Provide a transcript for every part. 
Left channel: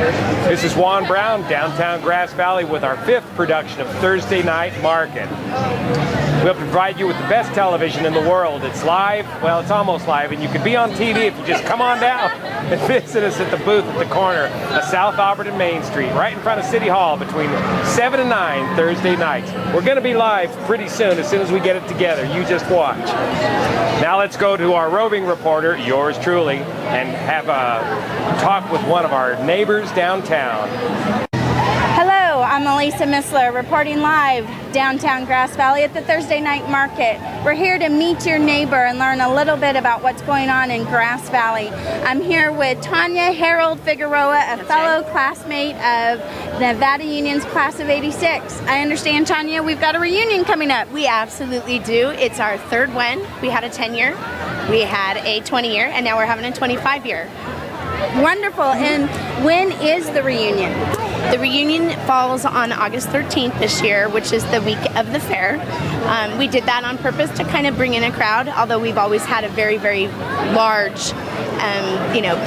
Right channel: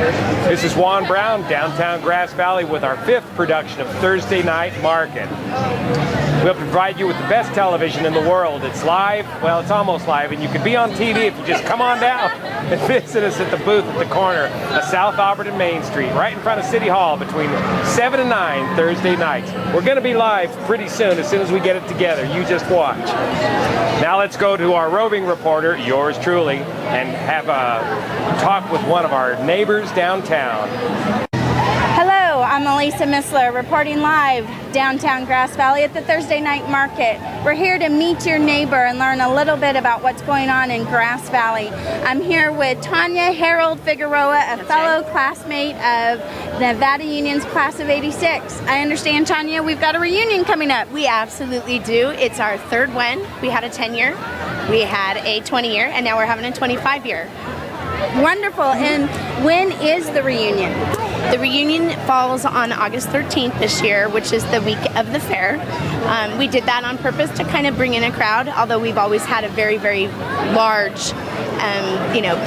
This is Juan Brown, downtown Grass Valley, with our 5th production of Thursday Night Market. We'll provide you with the best television in the world. It's live, well, it's almost live, and you can be on TV if you just come on down and visit us at the booth at the corner of South Auburn and Main Street, right in front of City Hall, between 7 and 9 Thursday nights. We're going to be live pretty soon as we get it together. You just watch. Now let's go to our roving reporter, yours truly, and have a talk with one of our neighbors downtown. Hello, I'm Elisa Missler, reporting live downtown Grass Valley at the Thursday Night Market. We're here to meet your neighbor and learn a little bit about what's going on in Grass Valley. I'm here with Tanya Harold Figueroa, a fellow classmate of Nevada Union's class of '86. I understand, Tanya, we've got a reunion coming up. We absolutely do. It's our 3rd one. We had a 10-year, we had a 20-year, and now we're having a 25-year. Wonderful. And when is the reunion? The reunion falls on August 13th this year, which is the week of the fair. We did that on purpose to kind of bring in a crowd, although we've always had a very, very large,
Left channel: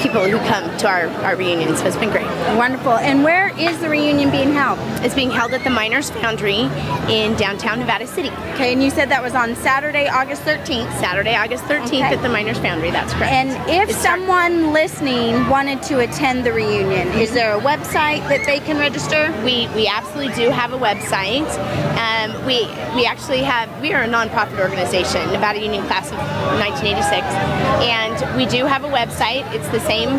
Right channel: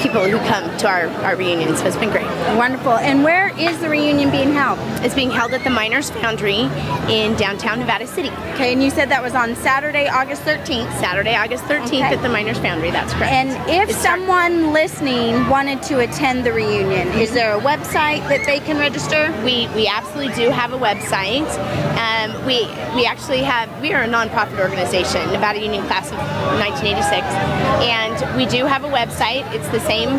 people who come to our reunion, so it's been great. Wonderful. And where is the reunion being held? It's being held at the Miners Foundry in downtown Nevada City. Okay, and you said that was on Saturday, August 13th? Saturday, August 13th at the Miners Foundry, that's correct. And if someone listening wanted to attend the reunion, is there a website that they can register? We absolutely do have a website. We are a nonprofit organization, Nevada Union Class of 1986, and we do have a website. It's the same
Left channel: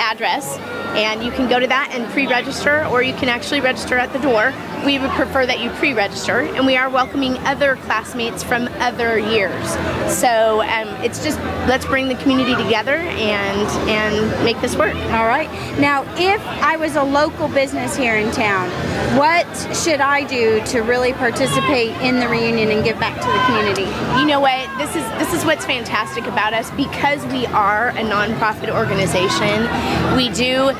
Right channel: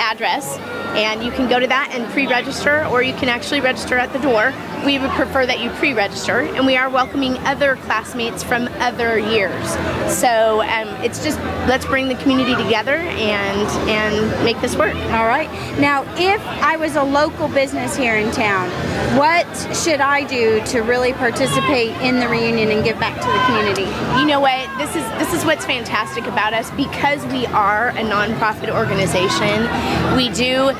address, and you can go to that and pre-register, or you can actually register at the door. We would prefer that you pre-register, and we are welcoming other classmates from other years. So it's just, let's bring the community together and make this work. All right. Now, if I was a local business here in town, what should I do to really participate in the reunion and give back to the community? You know what? This is what's fantastic about us. Because we are a nonprofit organization, we do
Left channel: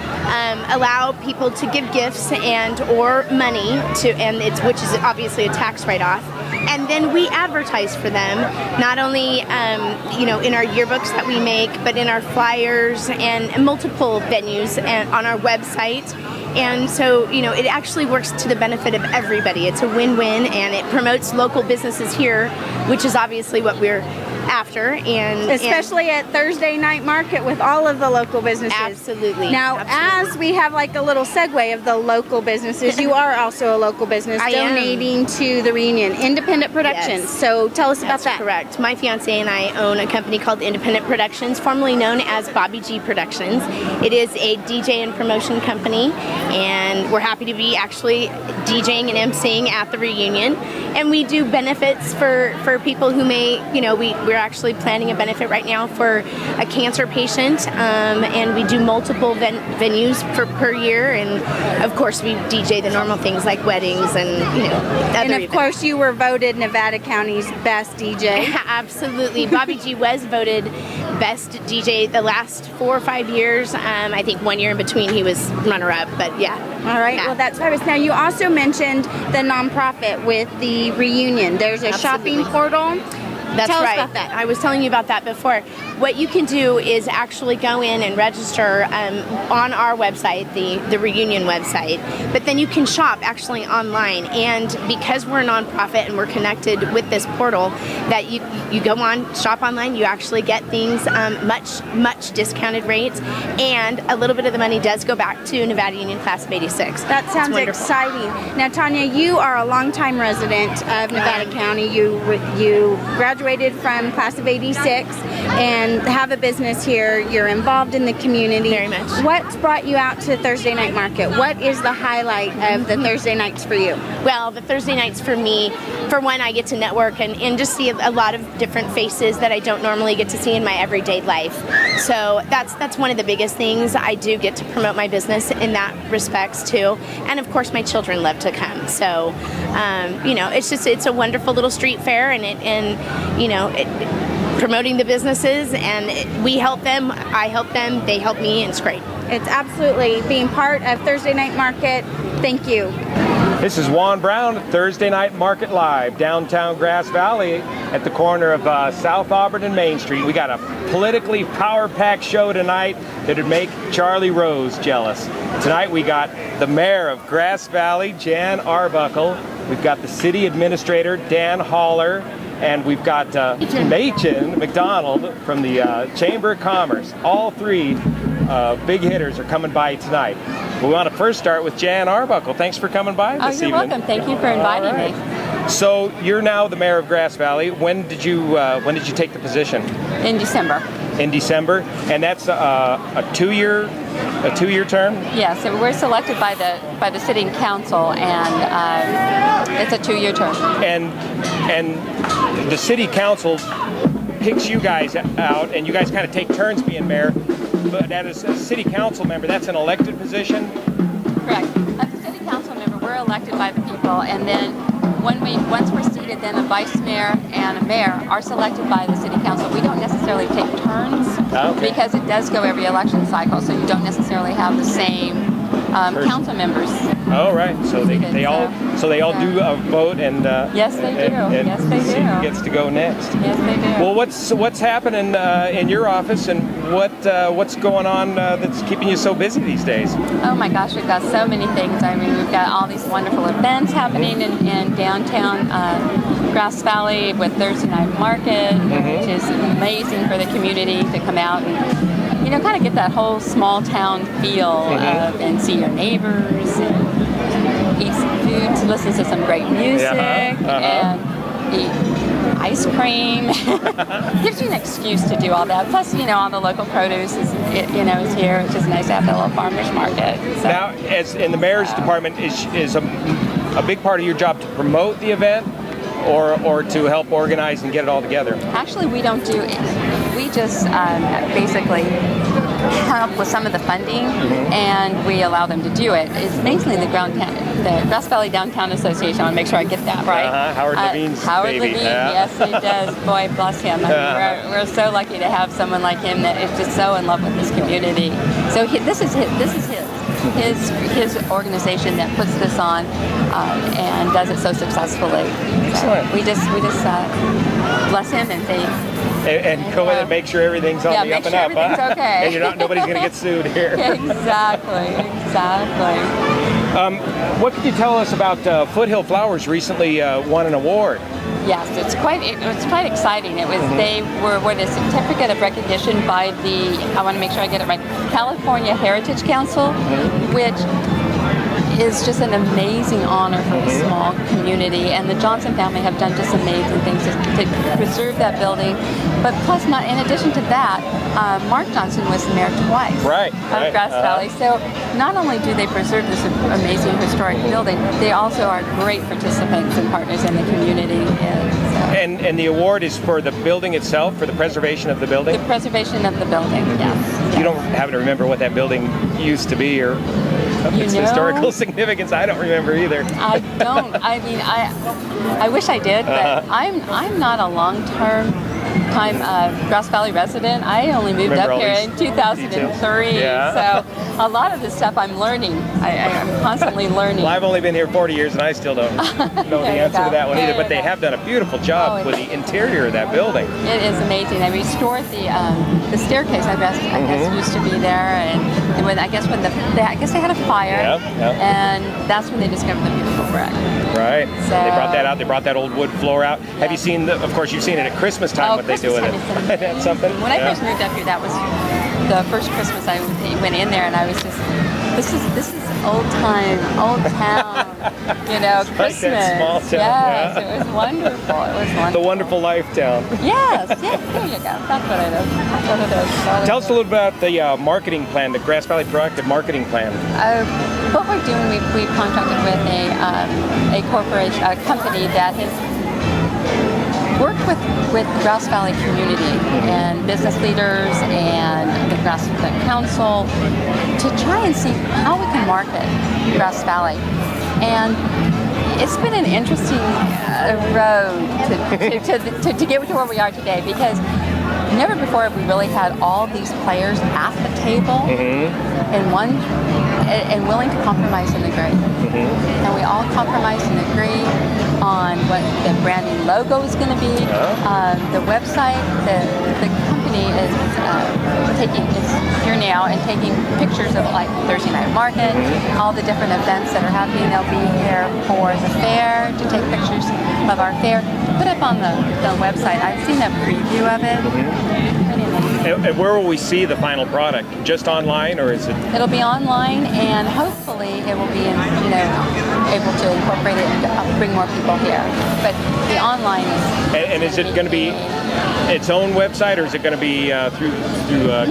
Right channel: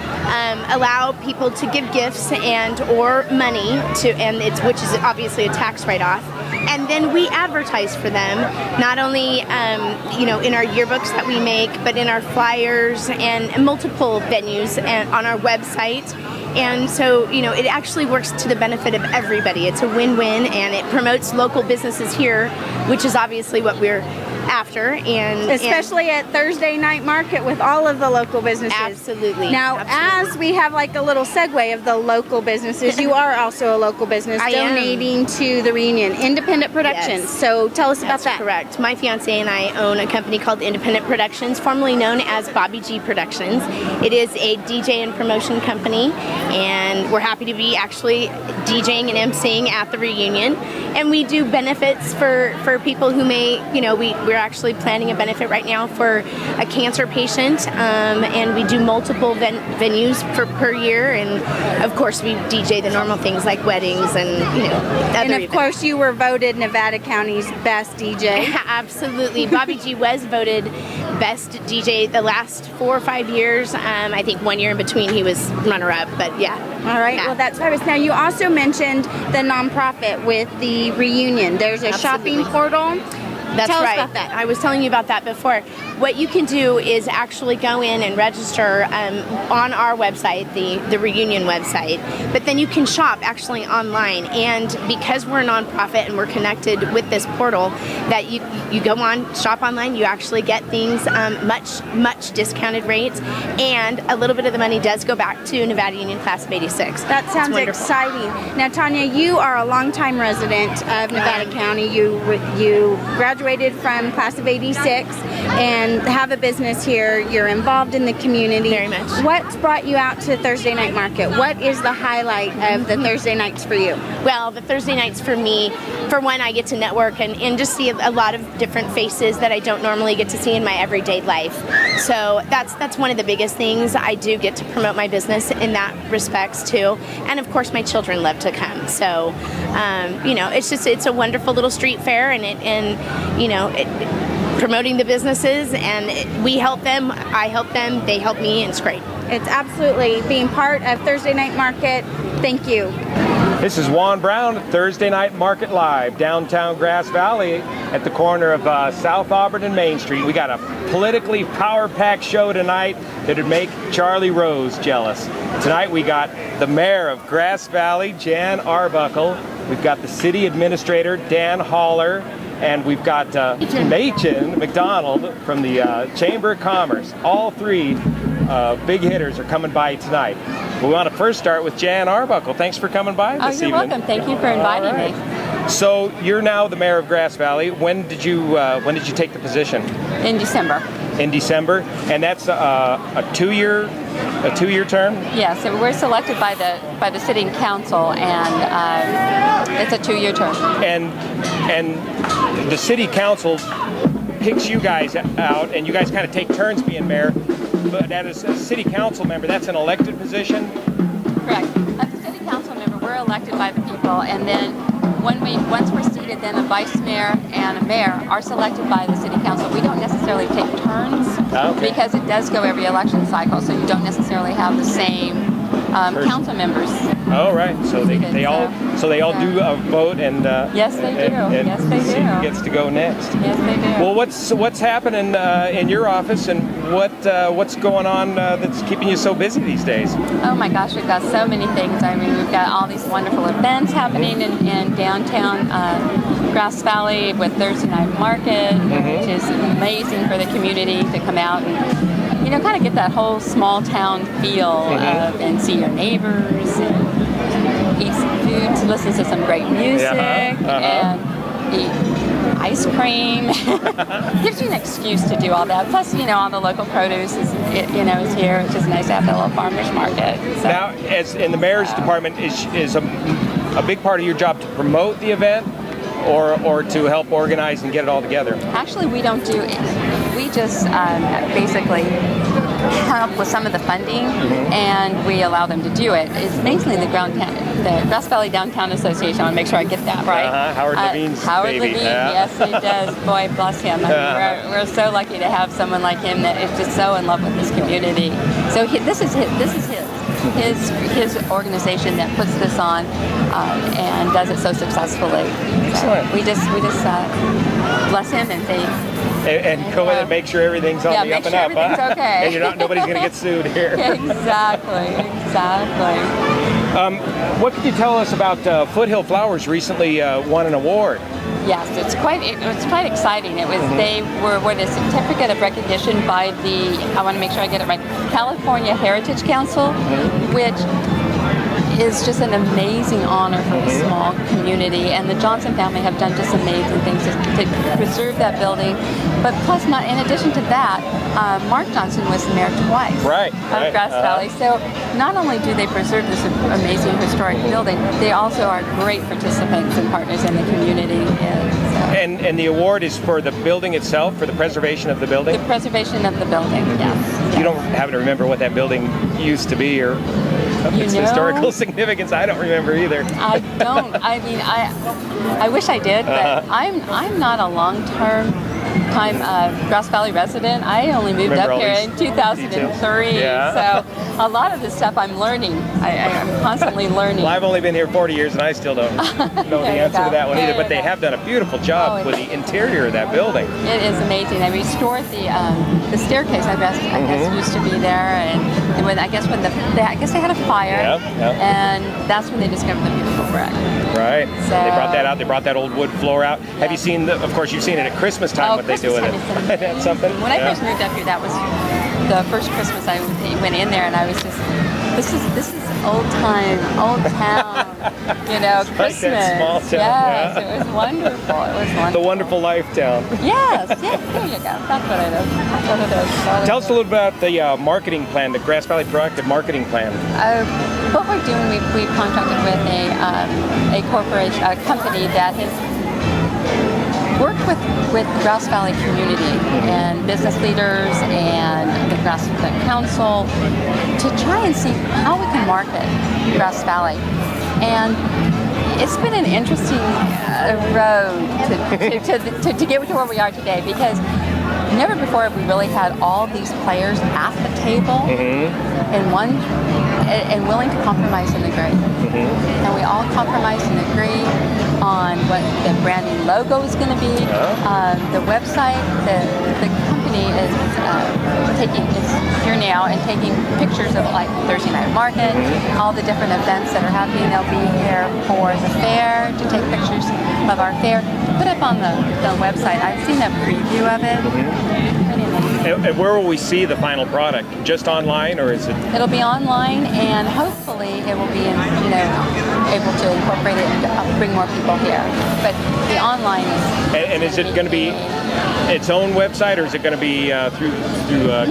allow people to give gifts and or money which is obviously a tax write-off. And then we advertise for them, not only in our yearbooks that we make, but in our flyers and multiple venues and on our website. And so, it actually works to the benefit of everybody. It's a win-win, and it promotes local businesses here, which is obviously what we're after. And especially at Thursday Night Market with all of the local businesses. Absolutely. Now, as we have like a little segue of the local businesses, you are also a local business donating to the reunion, Independent Productions. Yes. So tell us about that. Correct. My fiance and I own a company called Independent Productions, formerly known as Bobby G Productions. It is a DJ and promotion company, and we're happy to be actually DJing and emceeing at the reunion. And we do benefits for people who may, we're actually planning a benefit right now for a cancer patient, and we do multiple venues per year, and of course we DJ the normal things like weddings and other And of course you were voted Nevada County's best DJ. Absolutely. Bobby G was voted best DJ the last 4 or 5 years. I think 1 year in between he was runner-up, but yeah. All right, well that's fabulous. Now you also mentioned the nonprofit with the reunion. There's a shopping portal. That's Tell right. us about that. I was telling you about that before. What you can do is actually go in and register on our website, the reunion website, but then you can shop actually online. And because we're a nonprofit and we're connected with this portal, that you go on, shop online, you actually get things much discounted rates, and a little bit of the money does go back to Nevada Union Class of '86. That sounds exciting. Now, Tanya, you are a longtime resident of Nevada County. You graduated from Class of '86 and have a business here. You're involved in the community. Very much. What's brought you out to Thursday Night Market? What is the highlight of the Thursday nights for you? Well, the Thursday nights for me, for one, I get to network and just see a lot of different faces that I don't normally get to see in my everyday life. So that's one of the biggest things. I do get to promote my business in that respects too. And of course my children love to come. So, it's a wonderful little street fair, promoting the businesses, and we help them, I help them, they help me, and it's great. It's absolutely being part of Thursday Night Market. Thank you. This is Juan Brown, Thursday Night Market Live, downtown Grass Valley at the corner of South Auburn and Main Street. We got a politically power-packed show tonight that would make Charlie Rose jealous. Tonight we got the mayor of Grass Valley, Jan Arbuckle. We've got the city administrator, Dan Haller. And we've got Machen McDonald from the Chamber of Commerce. All three big hitters are coming by tonight. We want to first start with Jan Arbuckle. Thanks for coming by this evening. You're welcome. Thank you for inviting me. So you're now the mayor of Grass Valley. When did you take the position? In December. In December, and that's a two-year term. Yeah, so we're selected by the city council, and it's a 2-year term. And the city council picks you guys out, and you guys kind of take turns being mayor. But as a city council member, that's an elected position. Correct. As a city council member, we're elected by the people, and then once we're seated, then a vice mayor and a mayor are selected by the city council. We don't necessarily take turns because it does go every election cycle, so you don't necessarily have the same council members. Oh, right. So they all do a vote, and yes, they do. And yes, they see do. who gets to go next. Yes, they do. Well, what's happening in your office, and what's going on that's keeping you so busy these days? Oh my gosh, we've got so many things. I mean, we've got all these wonderful events happening in downtown Grass Valley with Thursday Night Market, which is amazing for the community to come out and kind of get that whole small town feel and see your neighbors and eat some food, to listen to some great music and eat ice cream. Gives you an excuse to do all that. Plus, all the local produce is here. It's just nice to have the little farmers market. So, now, as in the mayor's department, is a big part of your job to promote the event, or to help organize and get it all together? Actually, we don't do it. We just basically help with some of the funding, and we allow them to do it. It's mainly the Grass Valley Downtown Association. I want to make sure I get that right. Howard Levine's Howard baby. Levine, yes, he does. Boy, bless him. I mean, we're so lucky to have someone like him that is just so in love with this community. So this is his organization that puts this on and does it so successfully. Excellent. So we just bless him and say. And go in and make sure everything's on the up and up, everything's okay. And nobody's going to get sued here. Exactly. What could you tell us about Foothill Flowers recently won an award? Yes, it's quite exciting. It was they were awarded a certificate of recognition by the, I want to make sure I get it right, California Heritage Council, which is just an amazing honor for a small community, and the Johnson family have done just amazing things to preserve that building. But plus, in addition to that, Mark Johnson was the mayor twice of Grass Valley. So not only do they preserve this amazing historic building, they also are great participants and partners in the community. And the award is for the building itself, for the preservation of the building? The preservation of the building, yes. You don't happen to remember what that building used to be, or its historical significance? I don't remember either. I don't. I mean, I wish I did, but I'm not a long-term Grass Valley resident. I only moved up here in 2003, so a lot of this stuff I'm learning. I'm constantly learning. Well, I've only been here 40 years, and I still don't know the answer to that one either, but they have done a beautiful job with the interior of that building. It is amazing. They restored the staircase, I guess used to be there, and I guess they had a fire, and that's when they discovered the beautiful brick. Right. So they brought that out. They brought that old wood floor out. Yeah. Have you seen? Of course, you've seen it at Christmas time. What they do with it? That's something. When I first moved up here, that was the first Christmas I went in there, and I was just, this is old town, Christmas. Like that small town. Yes, it was wonderful. The wonderful life town. Yes, there you go. That's what it is. Tell us a little about the marketing plan, the Grass Valley Proactive Marketing Plan. What we're doing, we've contracted with a corporation, a company that has worked with the Grass Valley community and business leaders and the Grass Valley Council to try and see how we can market Grass Valley. And it's been an interesting road to get to where we are today, because never before have we really had all these players at the table and willing to compromise and agree. And we all compromise and agree on what the branding logo is going to be. The website, the company is here now and taking pictures of like Thursday Night Market, all the different events that are happening. They'll be here for the fair to take pictures of our fair, put up on the website. I've seen a preview of it. Pretty amazing. And where will we see the final product? Just online, or is it? It'll be online, and hopefully it will be, able to incorporate it and bring more people here. But the online is. And is it going to be its own website, or is it going to be through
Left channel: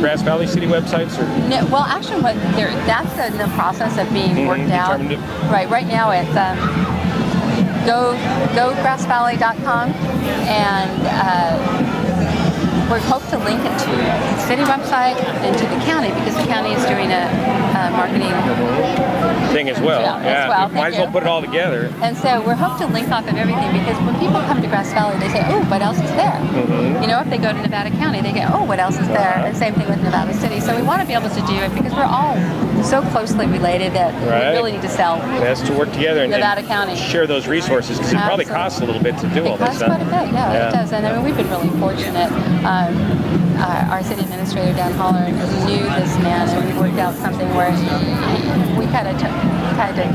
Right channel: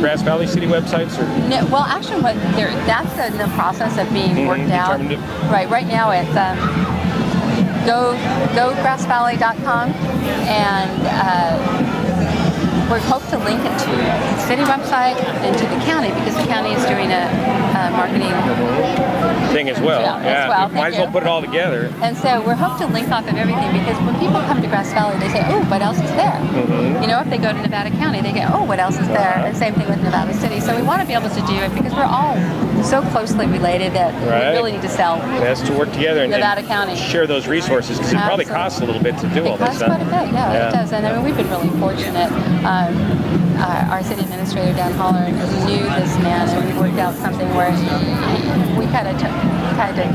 Grass Valley City websites? Or? No, well, actually, that's in the process of being worked out. Right now it's gograssvalley.com, and we hope to link it to the city website and to the county, because the county is doing a marketing thing as well. Might as well put it all together. And so we're hoping to link off of everything, because when people come to Grass Valley, they say, oh, what else is there? If they go to Nevada County, they go, oh, what else is there? And same thing with Nevada City. So we want to be able to do it because we're all so closely related that we really need to sell. It has to work together and Nevada County. Share those resources, because it probably costs a little bit to do all this stuff. It costs quite a bit, yeah, it does. And I mean, we've been really fortunate. Our city administrator, Dan Holler, knew this man, and we worked out something where we kind of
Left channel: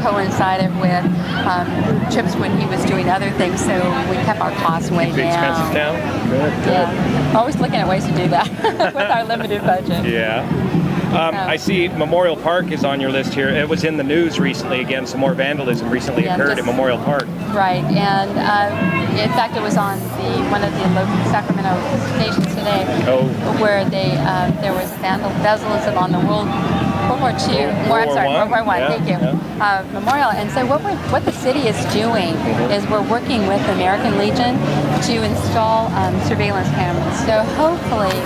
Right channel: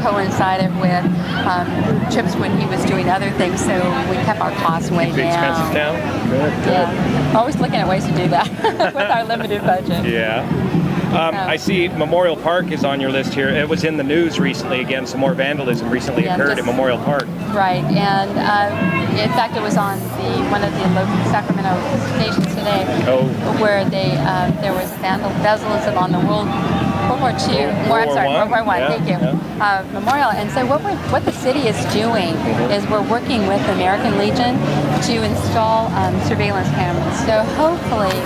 coincided with Chip's when he was doing other things, so we kept our costs way down. The expenses down? Good. Yeah. Always looking at ways to do that with our limited budget. Yeah. I see Memorial Park is on your list here. It was in the news recently. Again, some more vandalism recently occurred at Memorial Park. Right, and in fact, it was on one of the local Sacramento stations today, where there was vandalism on the World War II. World War I. Thank you. Memorial. And so what the city is doing is we're working with the American Legion to install surveillance cameras. So hopefully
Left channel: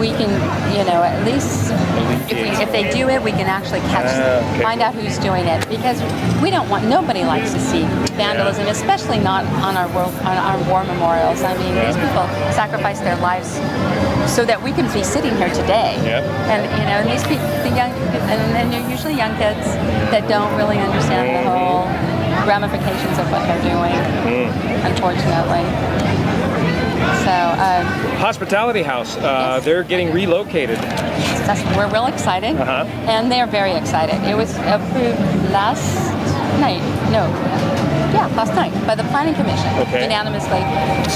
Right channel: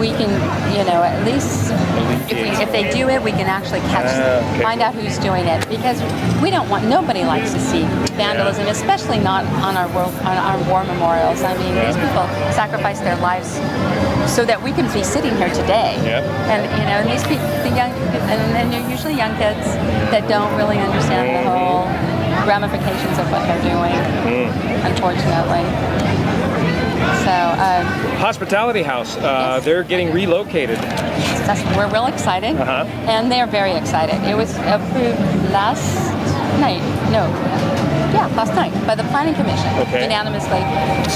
we can, at least if they do it, we can actually find out who's doing it, because nobody likes to see vandalism, especially not on our war memorials. I mean, these people sacrifice their lives so that we can be sitting here today. And these people, and they're usually young kids that don't really understand the whole ramifications of what they're doing, unfortunately. So, Hospitality House, they're getting relocated. We're real excited, and they're very excited. It was approved last night by the Planning Commission unanimously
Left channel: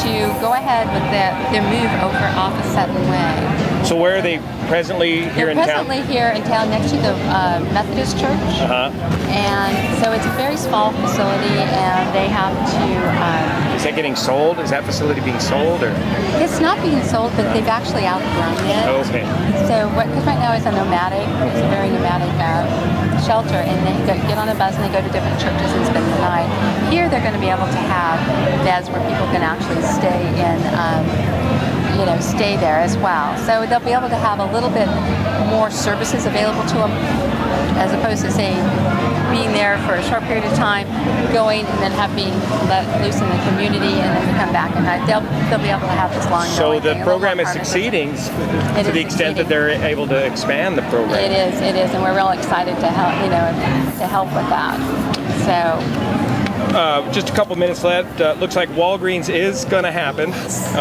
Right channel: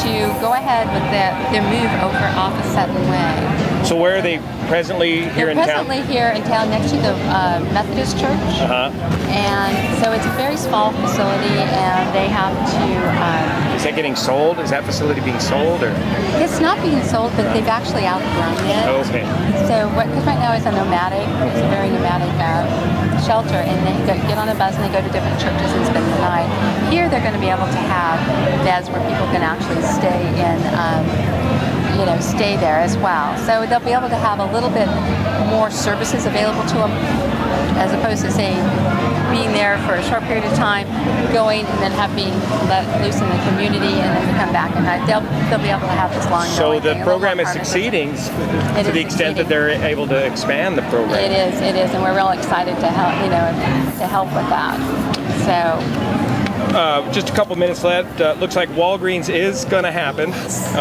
to go ahead with their move over off of Sutton Way. So where are they presently here in town? They're presently here in town next to the Methodist Church. And so it's a very small facility, and they have to... Is that getting sold? Is that facility being sold? Or? It's not being sold, but they've actually outgrown it. Okay. So because right now it's a very nomadic shelter, and they get on a bus and they go to different churches and spend the night. Here they're going to be able to have beds where people can actually stay in... stay there as well. So they'll be able to have a little bit more services available to them, as opposed to, say, being there for a short period of time, going and then being let loose in the community, and then to come back at night. They'll be able to have this long. So the program is succeeding to the extent that they're able to expand the program. It is, and we're real excited to help with that. So. Just a couple minutes left. Looks like Walgreens is going to happen.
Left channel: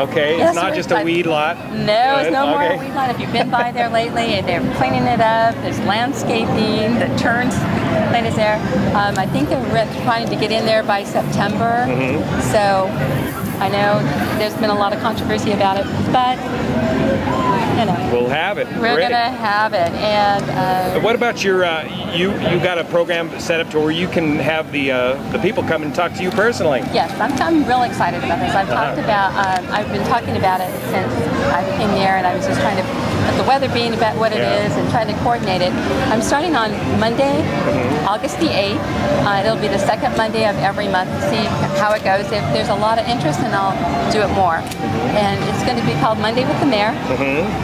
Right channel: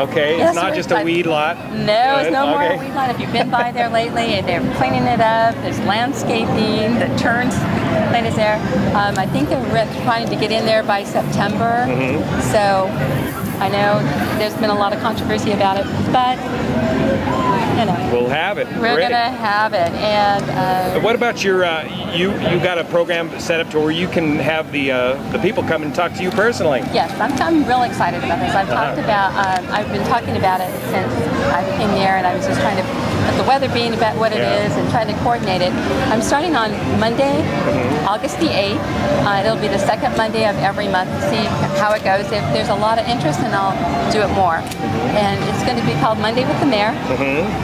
Okay, yes, it's not just a weed lot. No, it's no more a weed lot. If you've been by there lately, they're cleaning it up. There's landscaping. The turns lane is there. I think they're trying to get in there by September. So I know there's been a lot of controversy about it, but we'll have it. We're going to have it. And what about your? You got a program set up to where you can have the people come and talk to you personally. Yes, I'm real excited about this. I've been talking about it since I became mayor, and I was just trying to, with the weather being about what it is, and trying to coordinate it. I'm starting on Monday, August the 8th. It'll be the second Monday of every month to see how it goes. If there's a lot of interest, then I'll do it more. And it's going to be called Monday with the Mayor,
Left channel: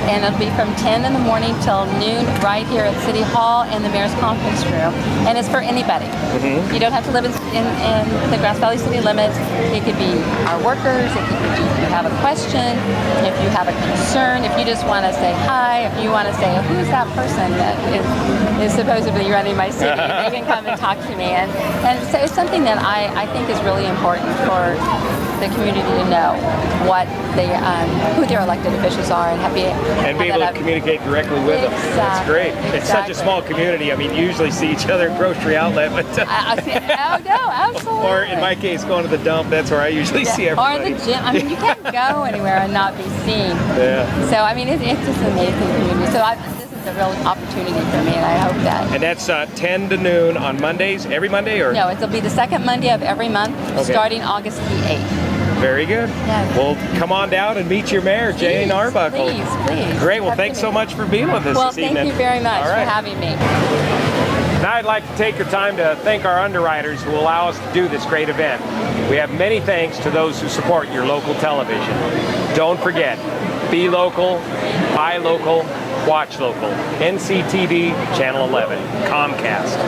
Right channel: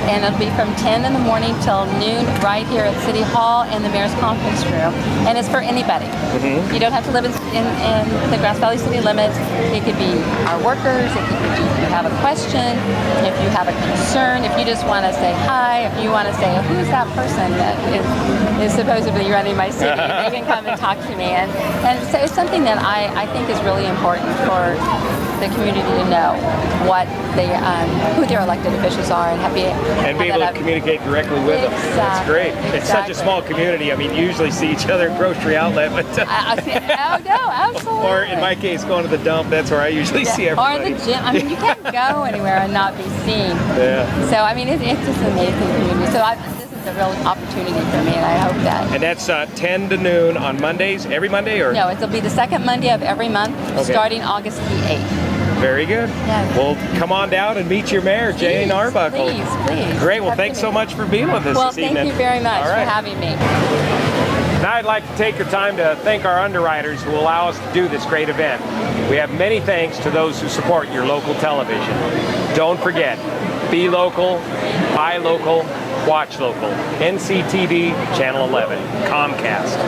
and it'll be from 10 in the morning till noon right here at City Hall in the Mayor's Conference Room, and it's for anybody. You don't have to live in the Grass Valley city limits. It could be our workers, it could be if you have a question, if you have a concern, if you just want to say hi, if you want to say, who's that person that is supposedly running my city, they can come and talk to me. And so it's something that I think is really important for the community to know what they, who their elected officials are, and be able to communicate directly with them. That's great. It's such a small community. I mean, you usually see each other at grocery outlet, but oh no, absolutely. Or in my case, going to the dump. That's where I usually see everybody. Or the gym. I mean, you can't go anywhere and not be seen. Yeah. So I mean, it's just an amazing community. So this is a real opportunity for me, and I hope that. And that's 10 to noon on Mondays, every Monday, or? No, it'll be the second Monday of every month, starting August the 8th. Very good. Yeah. Well, come on down and meet your mayor, Jane Arbuckle. Please. Great. Well, thanks so much for being with us this evening. Thank you very much for having me. Now I'd like to take the time to thank our underwriters who allow us to do this great event. We have many thanks to those who support your local television. Don't forget, be local, buy local, watch local. NCTV, Channel 11, Comcast.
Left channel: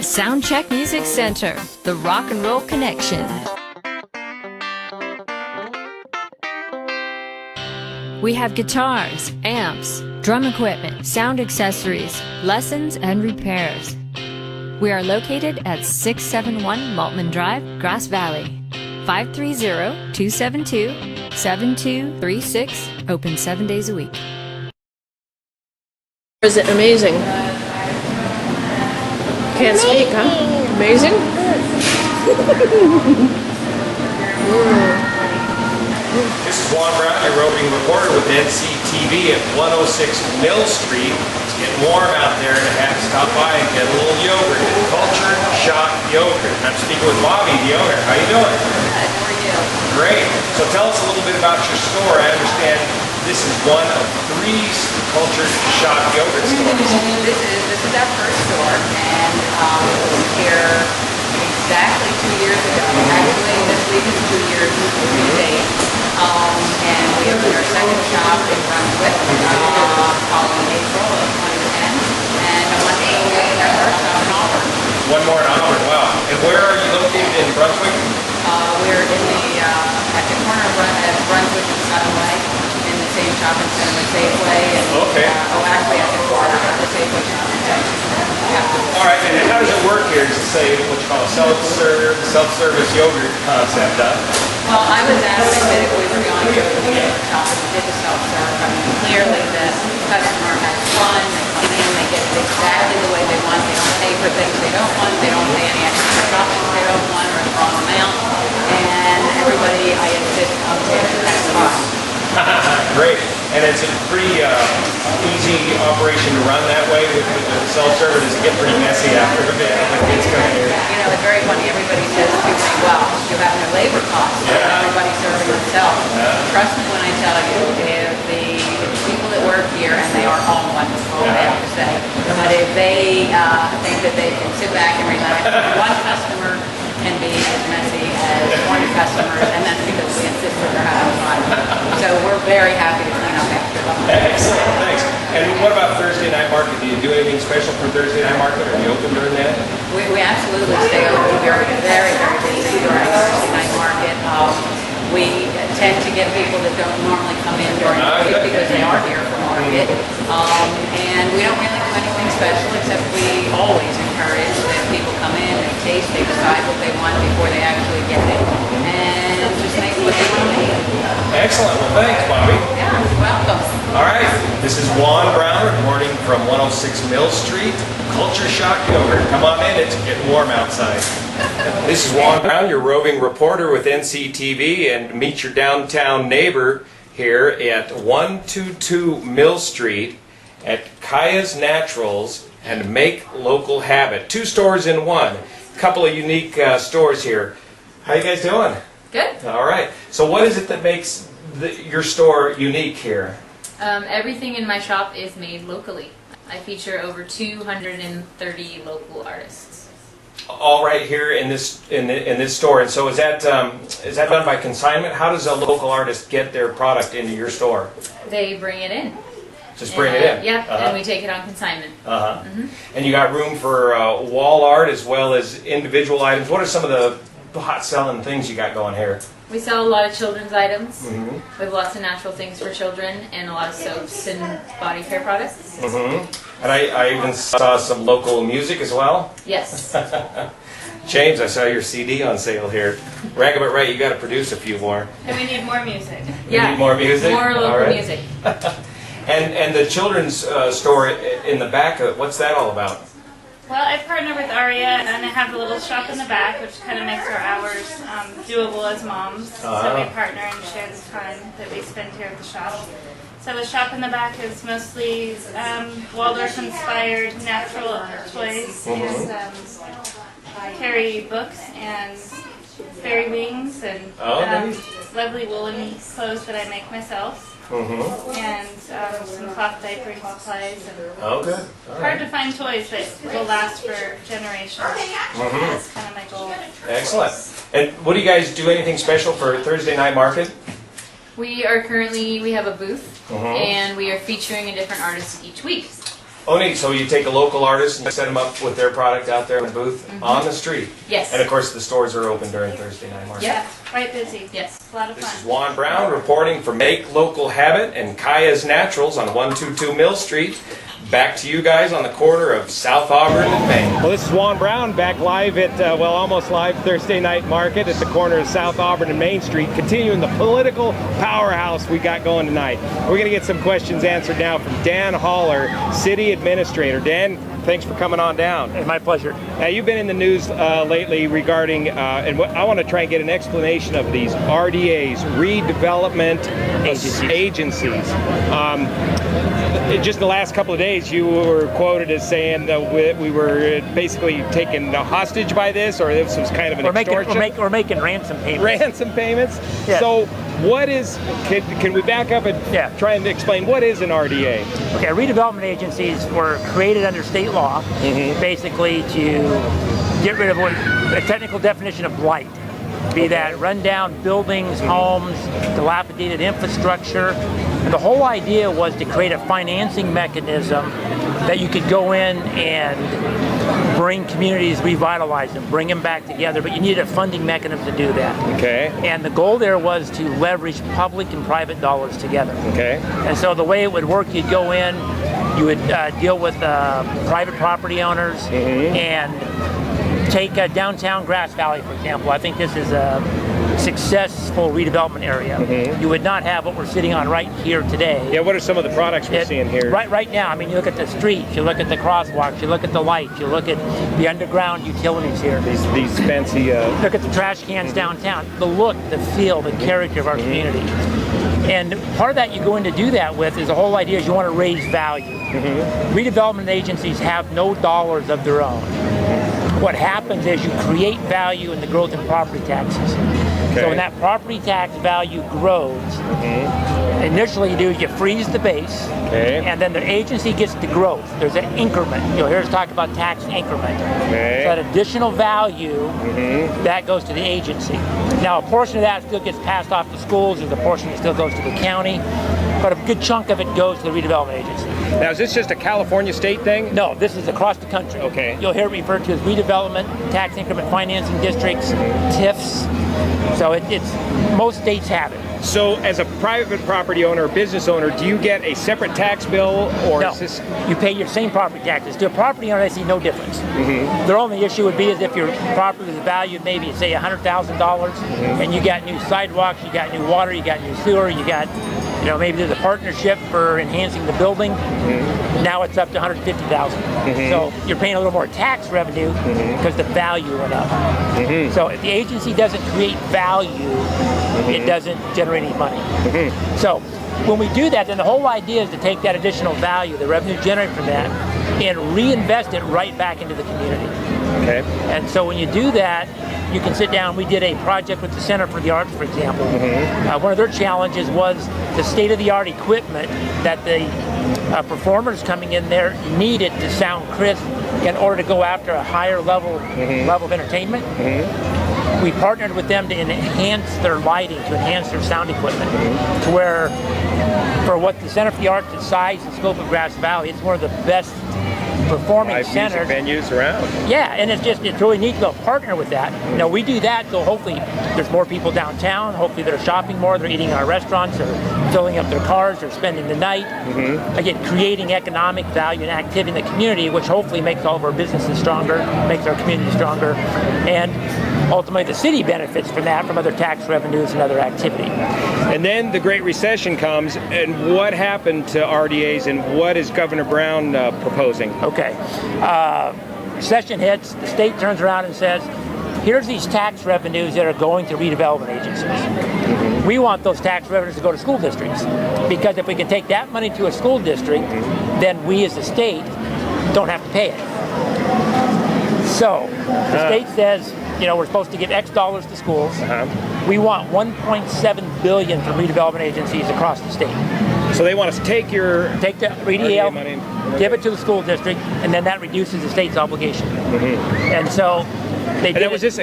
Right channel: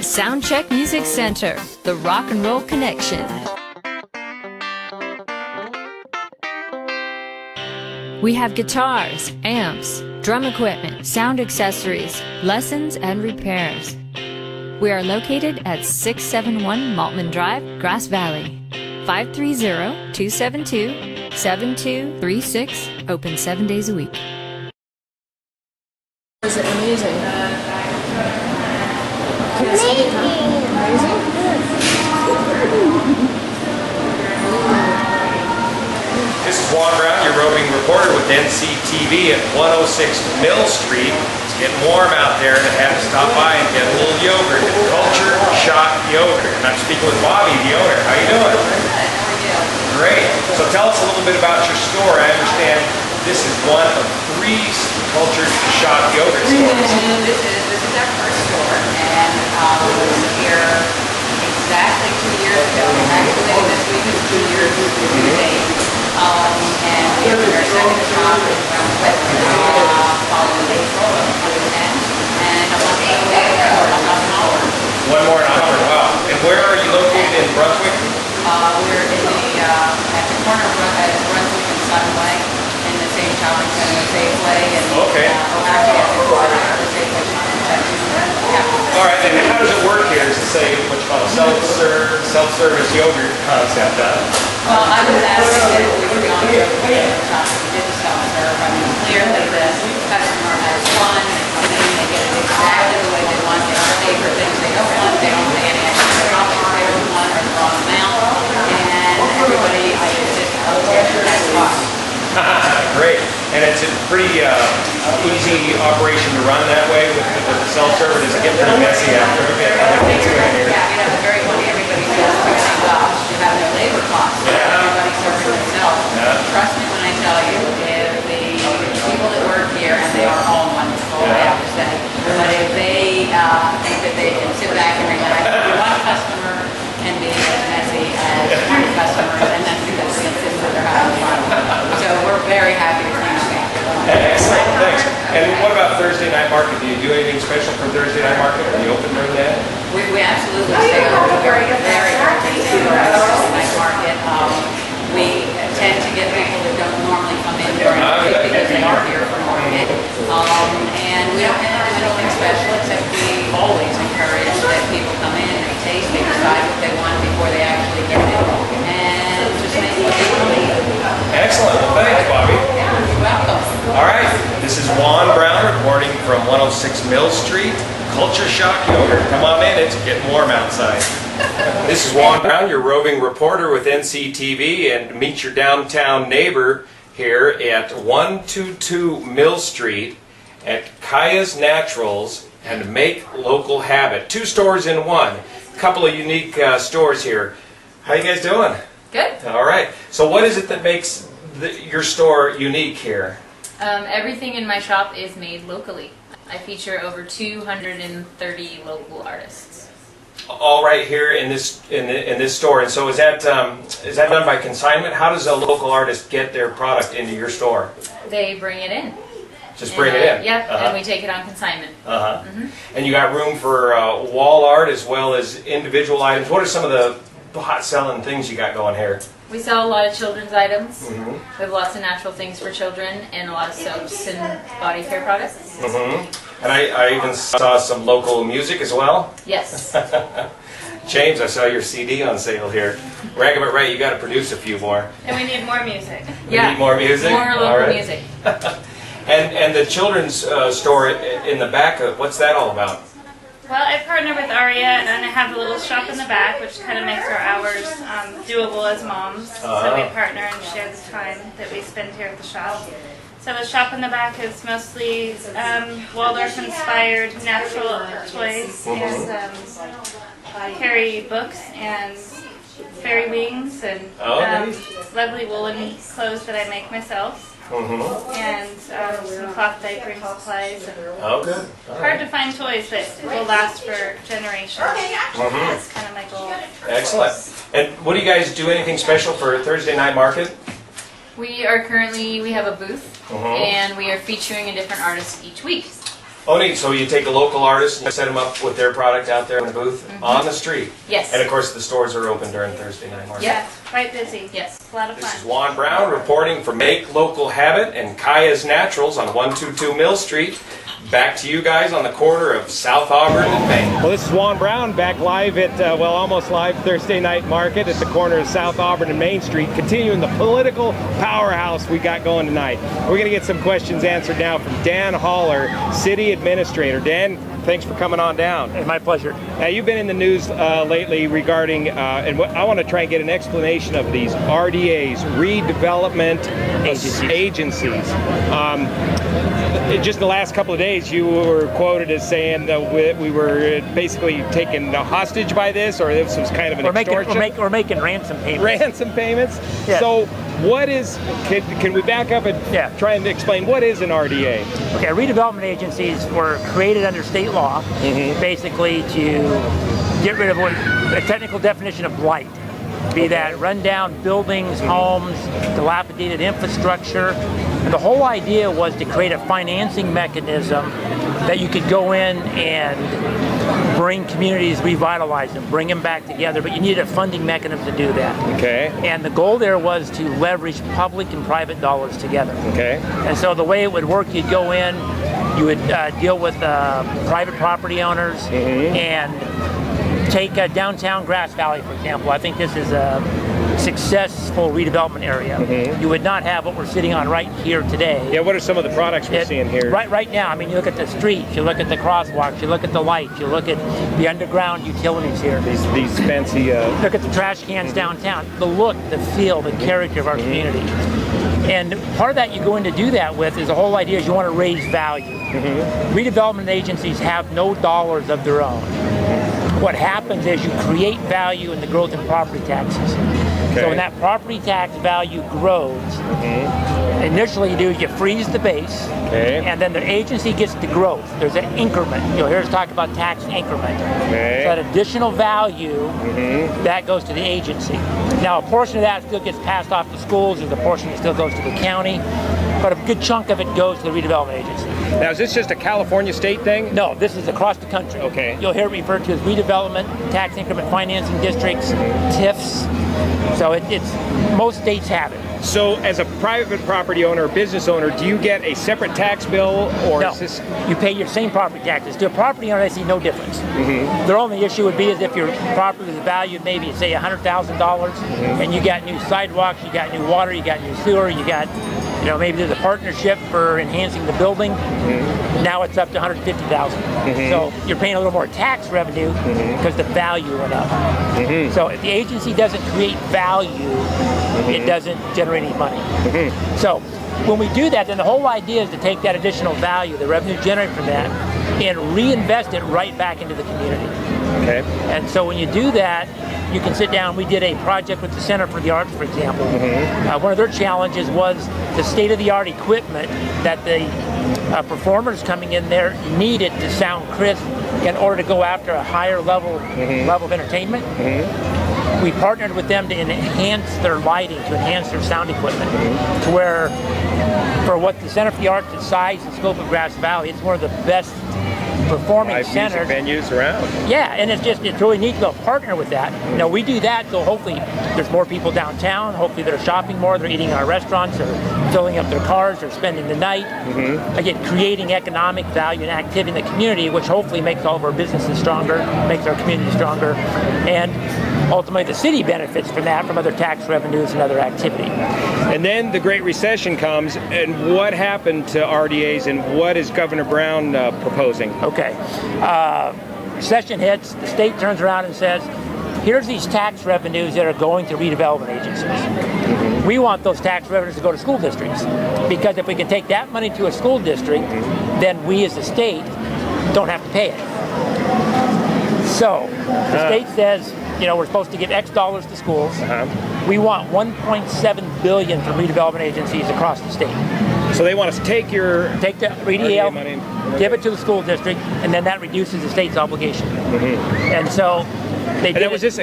Soundcheck Music Center, the rock and roll connection. We have guitars, amps, drum equipment, sound accessories, lessons, and repairs. We are located at 671 Maltman Drive, Grass Valley. 530-272-7236, open 7 days a week. Is it amazing? Can't speak, huh? Amazing? This is Juan Brown, your roving reporter with NCTV at 106 Mill Street. It's getting warm out there and I have to stop by and get a little yogurt at Culture Shock Yogurt. I'm speaking with Bobby, the owner. How you doing? Good. How are you? Great. So tell us a little bit about your store. I understand this is one of 3 Culture Shock Yogurt stores. This is our first store, and we was here exactly 2 years ago. Actually, this week is 2 years to the date. And we opened our second shop in Brunswick following April of 2010, and one more One more in Auburn, wow. And where are you located in Brunswick? We're in at the corner of Brunswick and Sunway, in the same shopping center as Safeway, and actually at the corner of the Safeway shopping center. Yeah. All right, and how does it work here? Is it what you call a self-service yogurt concept, huh? Well, I was adamant that if we were going to open a yogurt shop, we did the self-serve. I mean, clearly the customer has fun, they come in, they get it exactly the way they want, they don't pay for things they don't want, they don't pay any extra shopping they don't want or the wrong amount, and everybody, I insist, comes in and has fun. Great. And it's a pretty easy operation to run that way with the self-serve. Does it get pretty messy after a bit? You know, it's very funny. Everybody says to me, well, you have no labor costs. Everybody's serving themselves. Trust me when I tell you, if the people that work here, and they are all wonderful, I have to say, but if they think that they can sit back and relax, one customer can be as messy as 20 customers, and that's because we insist that they're having fun. So we're very happy to clean up after them. Excellent, thanks. And what about Thursday night market? Do you do anything special for Thursday night market? Are you open during that? We absolutely stay open. We're very, very busy during the Thursday night market. We tend to get people that don't normally come in during the week because they are here for market. And we don't really do anything special, except we always encourage that people come in, they taste, they decide what they want before they actually get it, and just make what they want to eat. Excellent. Well, thanks, Bobby. Yeah, you're welcome. All right. This is Juan Brown reporting from 106 Mill Street. Culture Shock Yogurt. Come on in. It's getting warm outside. This is Juan Brown, your roving reporter with NCTV, and meet your downtown neighbor here at 122 Mill Street at Kaya's Naturals and Make Local Habit. 2 stores in one. Couple of unique stores here. How you guys doing? Good. All right. So what is it that makes your store unique here? Everything in my shop is made locally. I feature over 230 local artists. all right here in this in this store. And so is that done by consignment? How does a local artist get their product into your store? They bring it in. Just bring it in. Yeah, and we take it on consignment. And you got room for wall art as well as individual items. What are some of the hot selling things you got going here? We sell a lot of children's items. We have lots of natural things for children and a lot of soaps and body care products. And I even saw some local music as well. Yes. James, I saw your CD on sale here. Ragabit Right, you got to produce a few more. And we need more music. Yeah. Need more music? More local All right. music. And the children's store in the back, what's that all about? Well, I partner with Aria, and I have a little shop in the back, which kind of makes our hours doable as moms. So we partner and share the time that we spend here at the shop. So the shop in the back is mostly Waldorf-inspired natural toys and carry books and fairy wings and lovely woolen clothes that I make myself. And some cloth diapering supplies. And Good. hard to find toys that will last for generations. That's kind of my goal. Excellent. And what do you guys do? Anything special for Thursday night market? We have a booth and we are featuring a different artist each week. Oh, neat. So you take a local artist and set them up with their product out there in the booth on the street. Yes. And of course the stores are open during Thursday night market. Yeah, quite busy. Yes. It's a lot of This is fun. Juan Brown reporting for Make Local Habit and Kaya's Naturals on 122 Mill Street. Back to you guys on the corner of South Auburn and Main. Well, this is Juan Brown back live at, almost live Thursday night market at the corner of South Auburn and Main Street, continuing the political powerhouse we got going tonight. We're going to get some questions answered now from Dan Haller, City Administrator. Dan, thanks for coming on down. It's my pleasure. Now, you've been in the news lately regarding, I want to try and get an explanation of these RDAs, redevelopment agencies. Just in the last couple of days, you were quoted as saying that we were basically taken hostage by this, or this was kind of an extortion. We're making ransom payments. Ransom payments? Yes. So what is, can we back up and try and explain what is an RDA? Okay, redevelopment agencies were created under state law basically to get rid of a technical definition of blight. Be that rundown buildings, homes, dilapidated infrastructure. And the whole idea was to create a financing mechanism that you could go in and bring communities, revitalize them, bring them back together, but you needed a funding mechanism to do that. Okay. And the goal there was to leverage public and private dollars together. Okay. And so the way it would work, you'd go in, you would deal with private property owners and take downtown Grass Valley, for example. I think this is a successful redevelopment area. You would not have what we're sitting on right here today. Yeah, what are some of the products we're seeing here? Right now, I mean, you look at the streets, you look at the crosswalks, you look at the lights, you look at the underground utilities here. These fancy... Look at the trash cans downtown. The look, the feel, the character of our community. And part of that you go in to do that with is the whole idea is you want to raise value. Redevelopment agencies have no dollars of their own. What happens is you create value in the growth in property taxes. So when that property tax value grows, initially you freeze the base, and then the agency gets the growth. There's an increment. You'll hear us talk about tax increment. So that additional value, that goes to the agency. Now a portion of that still gets passed off to schools, there's a portion that still goes to the county, but a good chunk of it goes to the redevelopment agency. Now, is this just a California state thing? No, this is across the country. Okay. You'll hear it referred to as redevelopment, tax increment financing districts, TIFs. So it's most states have it. So as a private property owner or business owner, do you get a separate tax bill, or No, is this... you pay your same property taxes. To a property owner, I see no difference. Their only issue would be is if your property is valued maybe, say, $100,000, and you got new sidewalks, you got new water, you got new sewer, you got, maybe there's a partnership for enhancing the building. Now it's up to $150,000. So you're paying a little more tax revenue because the value went up. So if the agency doesn't create value, it doesn't generate any money. So when we do that, then the whole idea is to take that additional value, the revenue generated from that, and reinvest it right back into the community. And so when you do that, you can sit down. We did a project with the Center for the Arts, for example. One of their challenges was the state-of-the-art equipment that the performers coming in there needed to sound crisp in order to go after a higher level of entertainment. We partnered with them to enhance their lighting, to enhance their sound equipment, to where, for what the Center for the Arts, the size and scope of Grass Valley, it's one of the best performing centers, venues around. Yeah, and it's really neat to go partner with that. You know, we do that, so hopefully there's more people downtown. Hopefully they're shopping more, they're eating in our restaurants, they're filling up their cars, they're spending the night. Again, creating economic value and activity in the community, which hopefully makes all of our businesses stronger, makes our community stronger, and ultimately the city benefits from that, from other tax revenues and other activity. And then the Great Recession comes, and what happened to RDAs, and what is Governor Brown proposing? Okay. Recession hits, the state turns around and says, here's these tax revenues that are going to redevelopment agencies. We want those tax revenues to go to school districts, because if we can take that money to a school district, then we as the state don't have to pay it. So the state says, you know, we're supposed to give X dollars to schools. We want $1.7 billion from redevelopment agencies across the state. So they want us to take the RDA money, give it to the school district, and then that reduces the state's obligation. And so they did. Was this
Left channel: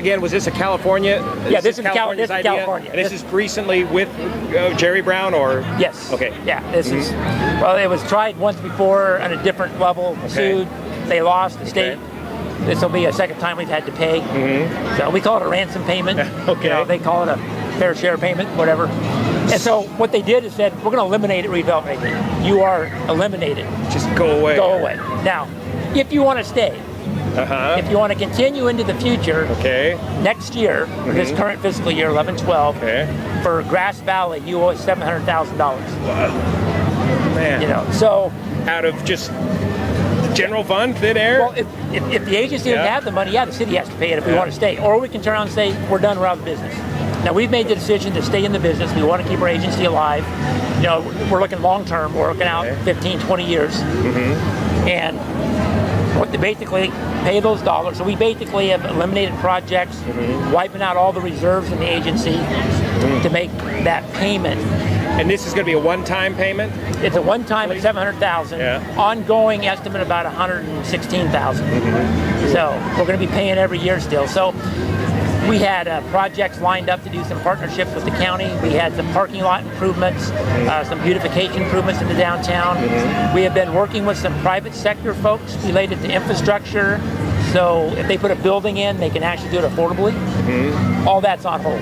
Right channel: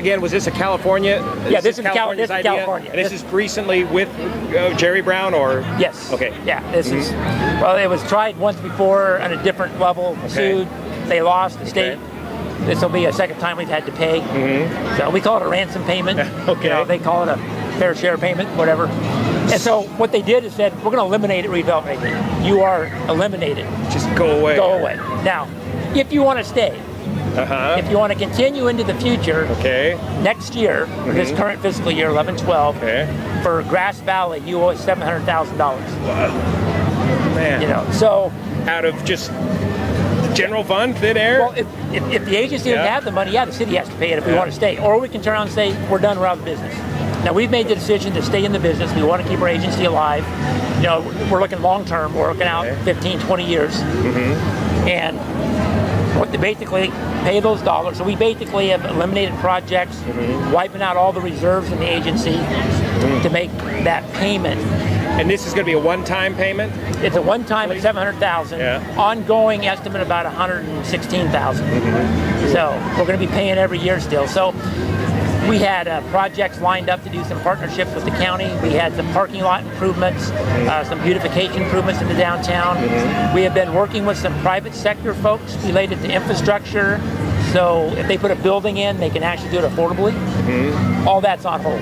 a California? Yeah, this is California. And this is recently with Jerry Brown, or? Yes. Okay. Yeah, this is, well, it was tried once before on a different level, sued, they lost, the state. This will be a second time we've had to pay. So we call it a ransom payment. Okay. You know, they call it a fair share payment, whatever. And so what they did is said, we're going to eliminate it, redevelopment agency. You are eliminated. Just go away. Go away. Now, if you want to stay, if you want to continue into the future, next year, this current fiscal year, 11-12, for Grass Valley, you owe us $700,000. Man. You know, so out of just general fund, thin air? Well, if the agency doesn't have the money, the city has to pay it if we want to stay. Or we can turn around and say, we're done, we're out of business. Now, we've made the decision to stay in the business. We want to keep our agency alive. You know, we're looking long term. We're looking out 15, 20 years. And what they basically pay those dollars. So we basically have eliminated projects, wiping out all the reserves in the agency to make that payment. And this is going to be a one-time payment? It's a one-time at $700,000. Ongoing estimate about $116,000. So we're going to be paying every year still. So we had projects lined up to do some partnerships with the county. We had some parking lot improvements, some beautification improvements in the downtown. We have been working with some private sector folks related to infrastructure. So if they put a building in, they can actually do it affordably. All that's on hold.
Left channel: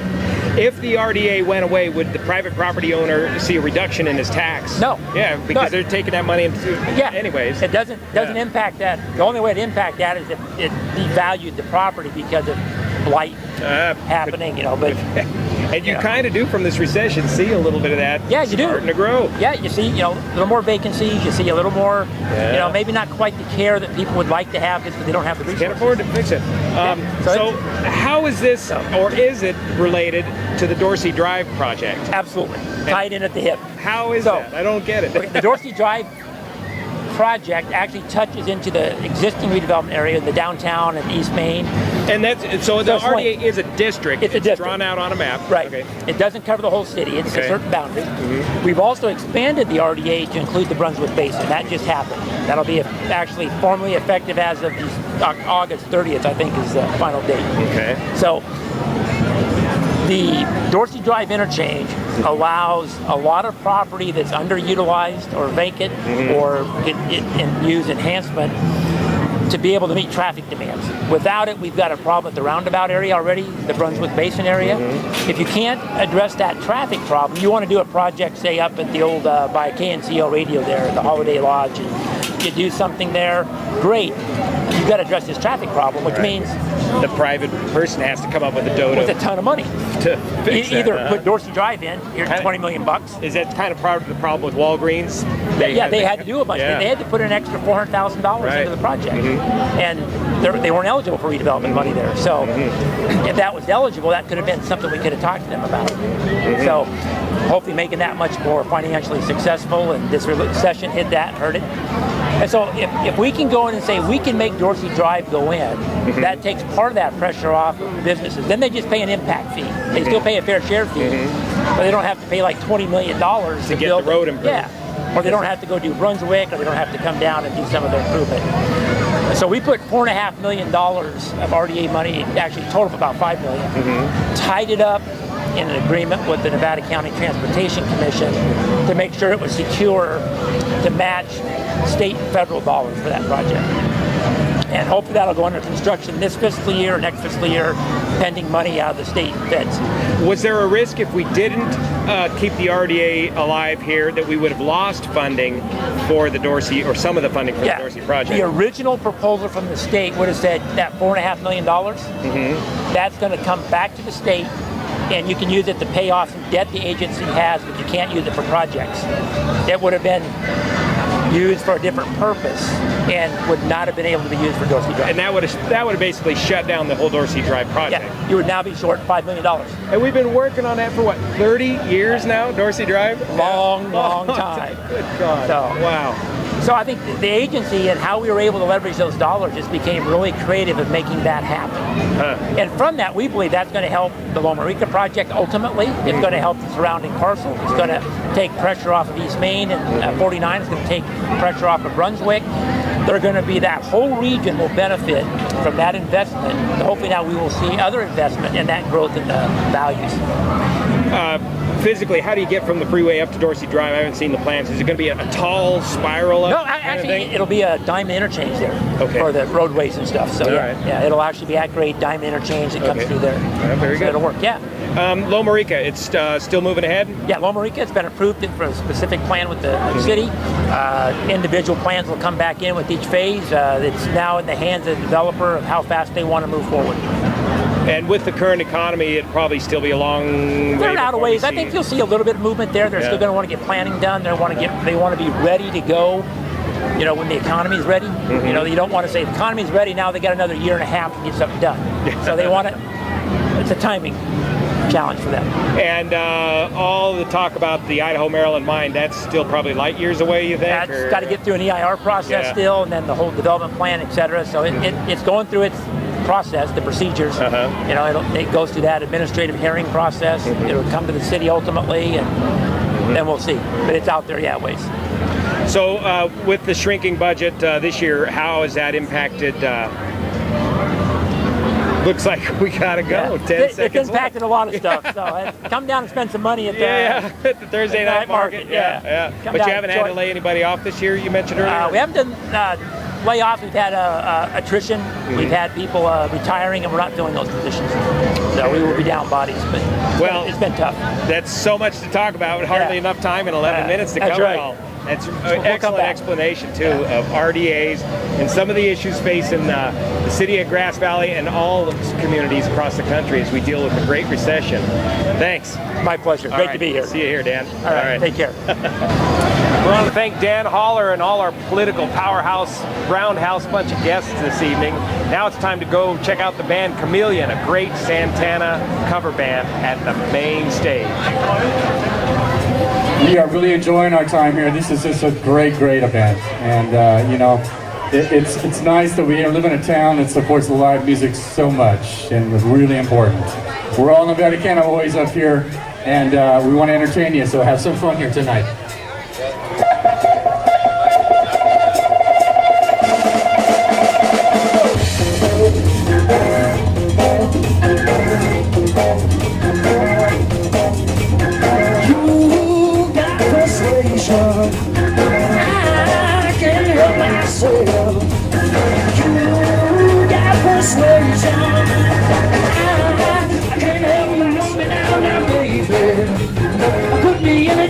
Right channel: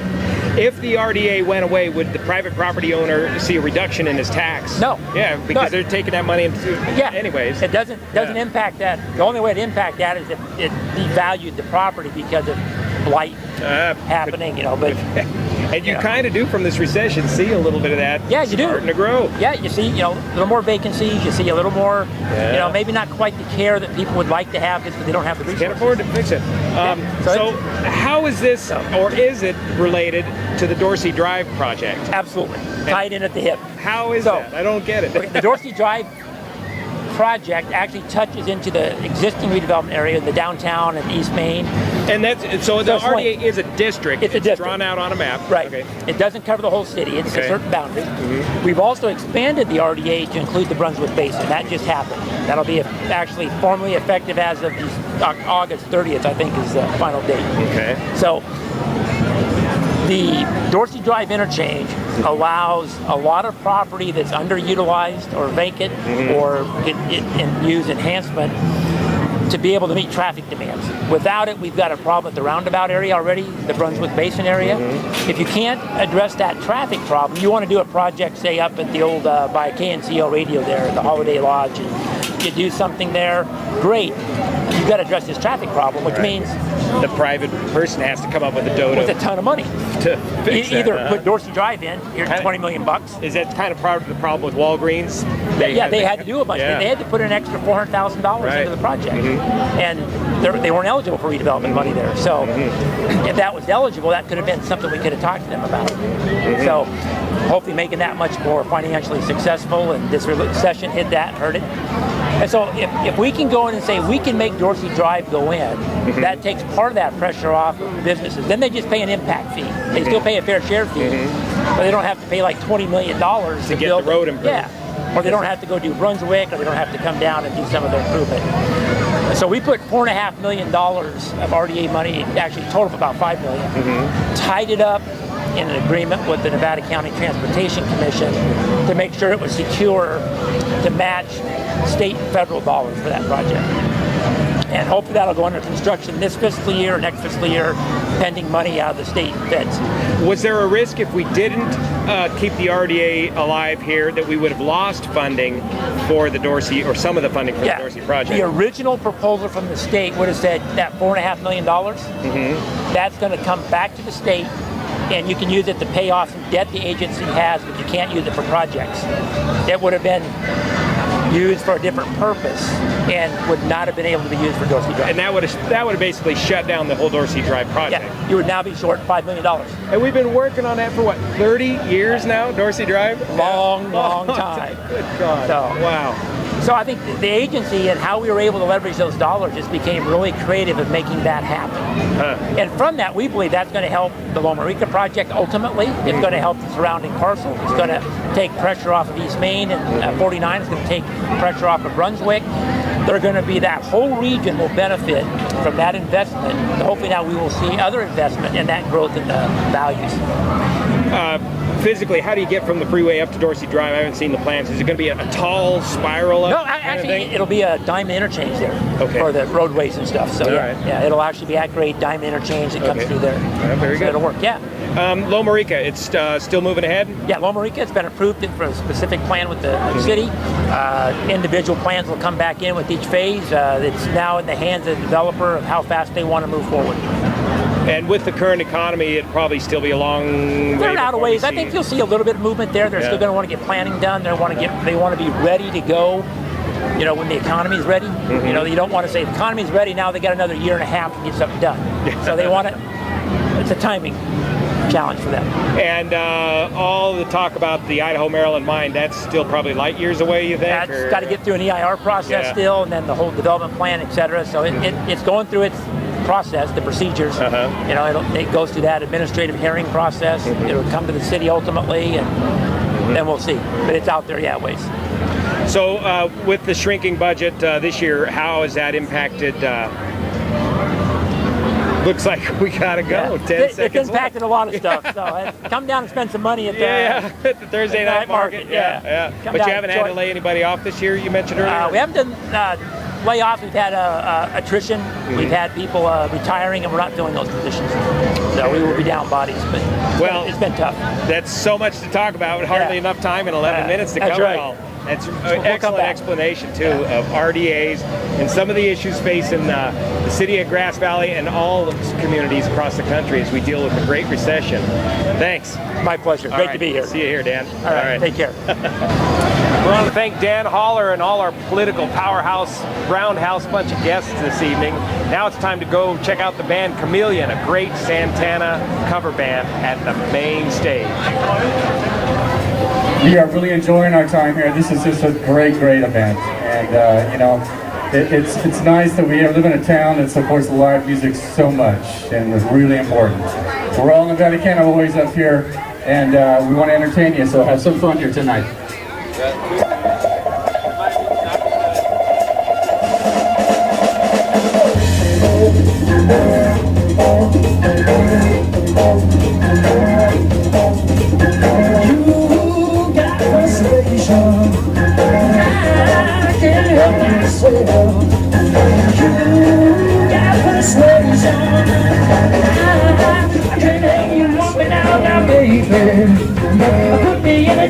If the RDA went away, would the private property owner see a reduction in his tax? No. Yeah, because they're taking that money into anyways. It doesn't impact that. The only way to impact that is if it devalued the property because of blight happening, you know. But and you kind of do from this recession see a little bit of that. Yeah, you do. Starting to grow. Yeah, you see, you know, a little more vacancies. You see a little more, you know, maybe not quite the care that people would like to have because they don't have the resources. Can't afford to fix it. So how is this, or is it related to the Dorsey Drive project? Absolutely. Tied in at the hip. How is that? I don't get it. Okay, the Dorsey Drive project actually touches into the existing redevelopment area, the downtown and East Main. And that's so the RDA is a district. It's a district drawn out on a map. Right. Okay. It doesn't cover the whole city. It's a certain boundary. We've also expanded the RDA to include the Brunswick Basin. That just happened. That'll be actually formally effective as of August 30th, I think, is the final date. Okay. So the Dorsey Drive Interchange allows a lot of property that's underutilized or vacant or use enhancement to be able to meet traffic demands. Without it, we've got a problem at the roundabout area already, the Brunswick Basin area. If you can't address that traffic problem, you want to do a project, say, up at the old, by KNCO radio there at the Holiday Lodge, and you do something there, great. You've got to address this traffic problem, which means the private person has to come up with a dodo. With a ton of money. To fix Either that, put Dorsey Drive in, here's $20 million. Is that kind of part of the problem with Walgreens? They had to do a bunch. They had to put an extra $400,000 into the project. And they weren't eligible for redevelopment money there. So if that was eligible, that could have been something we could have talked to them about. So hopefully making that much more financially successful, and this recession hit that and hurt it. And so if we can go in and say we can make Dorothy Drive go in, that takes part of that pressure off of businesses. Then they just pay an impact fee. They still pay a fair share fee, but they don't have to pay like $20 million to get the road improved. Yeah, or they don't have to go do Brunswick, or they don't have to come down and do some of their improvement. So we put $4.5 million of RDA money, actually a total of about $5 million, tied it up in an agreement with the Nevada County Transportation Commission to make sure it was secure to match state and federal dollars for that project. And hopefully that'll go under construction this fiscal year or next fiscal year, pending money out of the state and feds. Was there a risk if we didn't keep the RDA alive here that we would have lost funding for the Dorsey, or some of the funding for the Dorsey project? The original proposal from the state would have said that $4.5 million, that's going to come back to the state, and you can use it to pay off some debt the agency has, but you can't use it for projects. It would have been used for a different purpose and would not have been able to be used for Dorsey Drive. And that would have basically shut down the whole Dorsey Drive project. Yeah, you would now be short $5 million. And we've been working on that for what, 30 years now, Dorsey Drive? Long time. Good God. So, wow. So I think the agency and how we were able to leverage those dollars just became really creative in making that happen. And from that, we believe that's going to help the Loma Rica project ultimately. It's going to help the surrounding parcel. It's going to take pressure off of East Main, and 49 is going to take pressure off of Brunswick. They're going to be, that whole region will benefit from that investment. And hopefully now we will see other investment in that growth in the values. Physically, how do you get from the freeway up to Dorsey Drive? I haven't seen the plans. Is it going to be a tall spiral up? No, actually, it'll be a diamond interchange there for the roadways and stuff. So yeah, it'll actually be at grade diamond interchange that comes through there. Very good. So it'll work. Yeah. Loma Rica, it's still moving ahead? Yeah, Loma Rica has been approved for a specific plan with the city. Individual plans will come back in with each phase. It's now in the hands of the developer of how fast they want to move forward. And with the current economy, it'd probably still be a long way. They're out of ways. I think you'll see a little bit of movement there. They're still going to want to get planning done. They want to be ready to go. You know, when the economy is ready. You know, you don't want to say the economy is ready now. They got another year and a half to get something done. So they want it. It's a timing challenge for them. And all the talk about the Idaho-Maryland mine, that's still probably light years away, you think? That's got to get through an EIR process still, and then the whole development plan, et cetera. So it's going through its process, the procedures. You know, it goes through that administrative hearing process. It'll come to the city ultimately, and then we'll see. But it's out there, ways. So with the shrinking budget this year, how has that impacted? Looks like we gotta go. 10 seconds. It's impacted a lot of stuff. So come down and spend some money at the at the Thursday night market. But you haven't had to lay anybody off this year. You mentioned earlier. We haven't done layoffs. We've had attrition. We've had people retiring, and we're not filling those positions. So we will be down bodies. But it's been tough. That's so much to talk about. Hardly enough time in 11 minutes to cover it all. That's an excellent explanation, too, of RDAs and some of the issues facing the city of Grass Valley and all the communities across the country as we deal with the Great Recession. Thanks. My pleasure. Great to be here. See you here, Dan. All right. Take care. We want to thank Dan Holler and all our political powerhouse, roundhouse bunch of guests this evening. Now it's time to go check out the band Chameleon, a great Santana cover band at the main stage. We are really enjoying our time here. This is just a great event, and you know, it's nice that we live in a town that supports live music so much, and it's really important. We're all Nevada Cowboys up here, and we want to entertain you, so have some fun here tonight.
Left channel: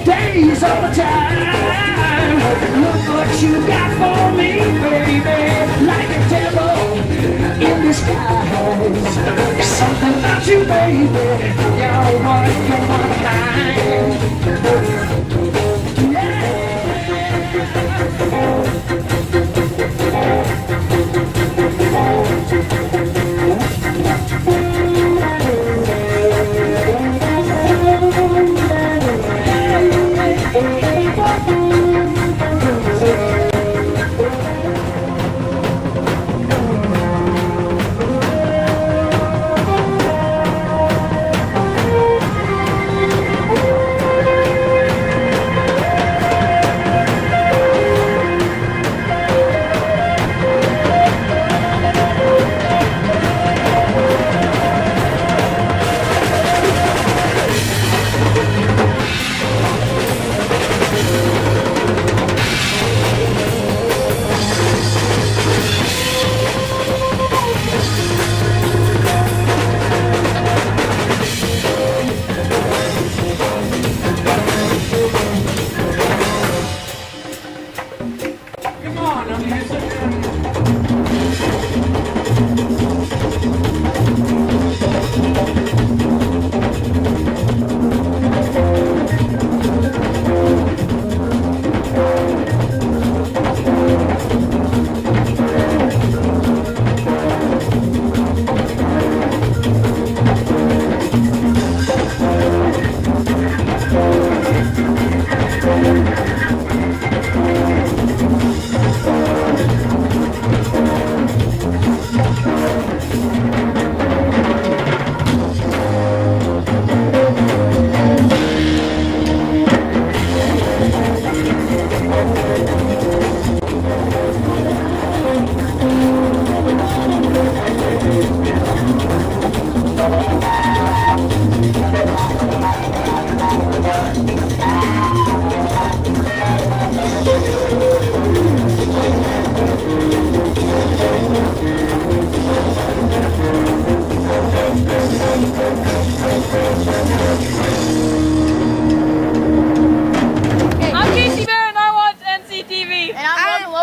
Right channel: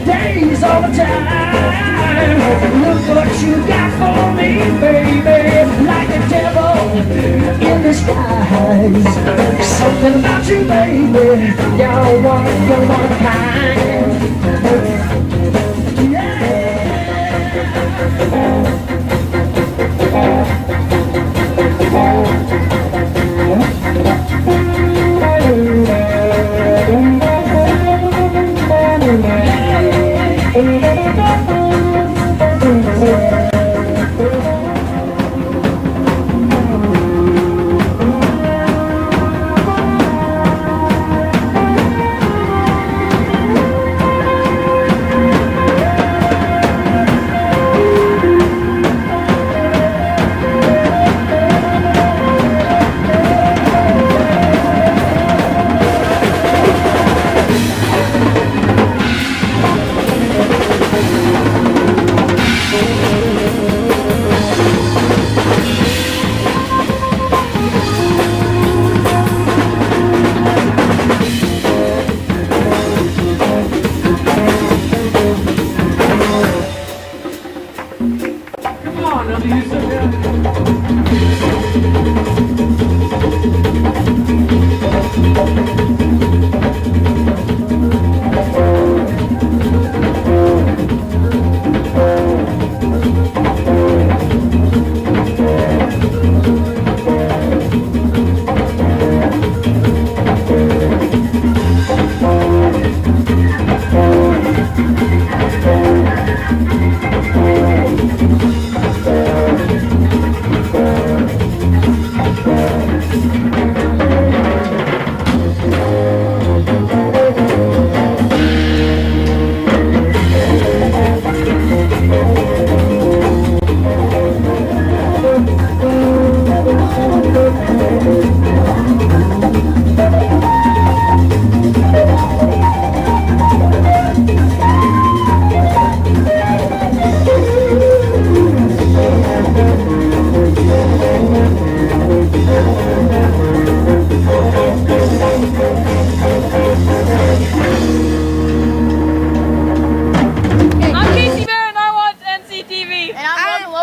Days all the time. Look what you got for me, baby. Like a devil in disguise. Something about you, baby. You're one kind.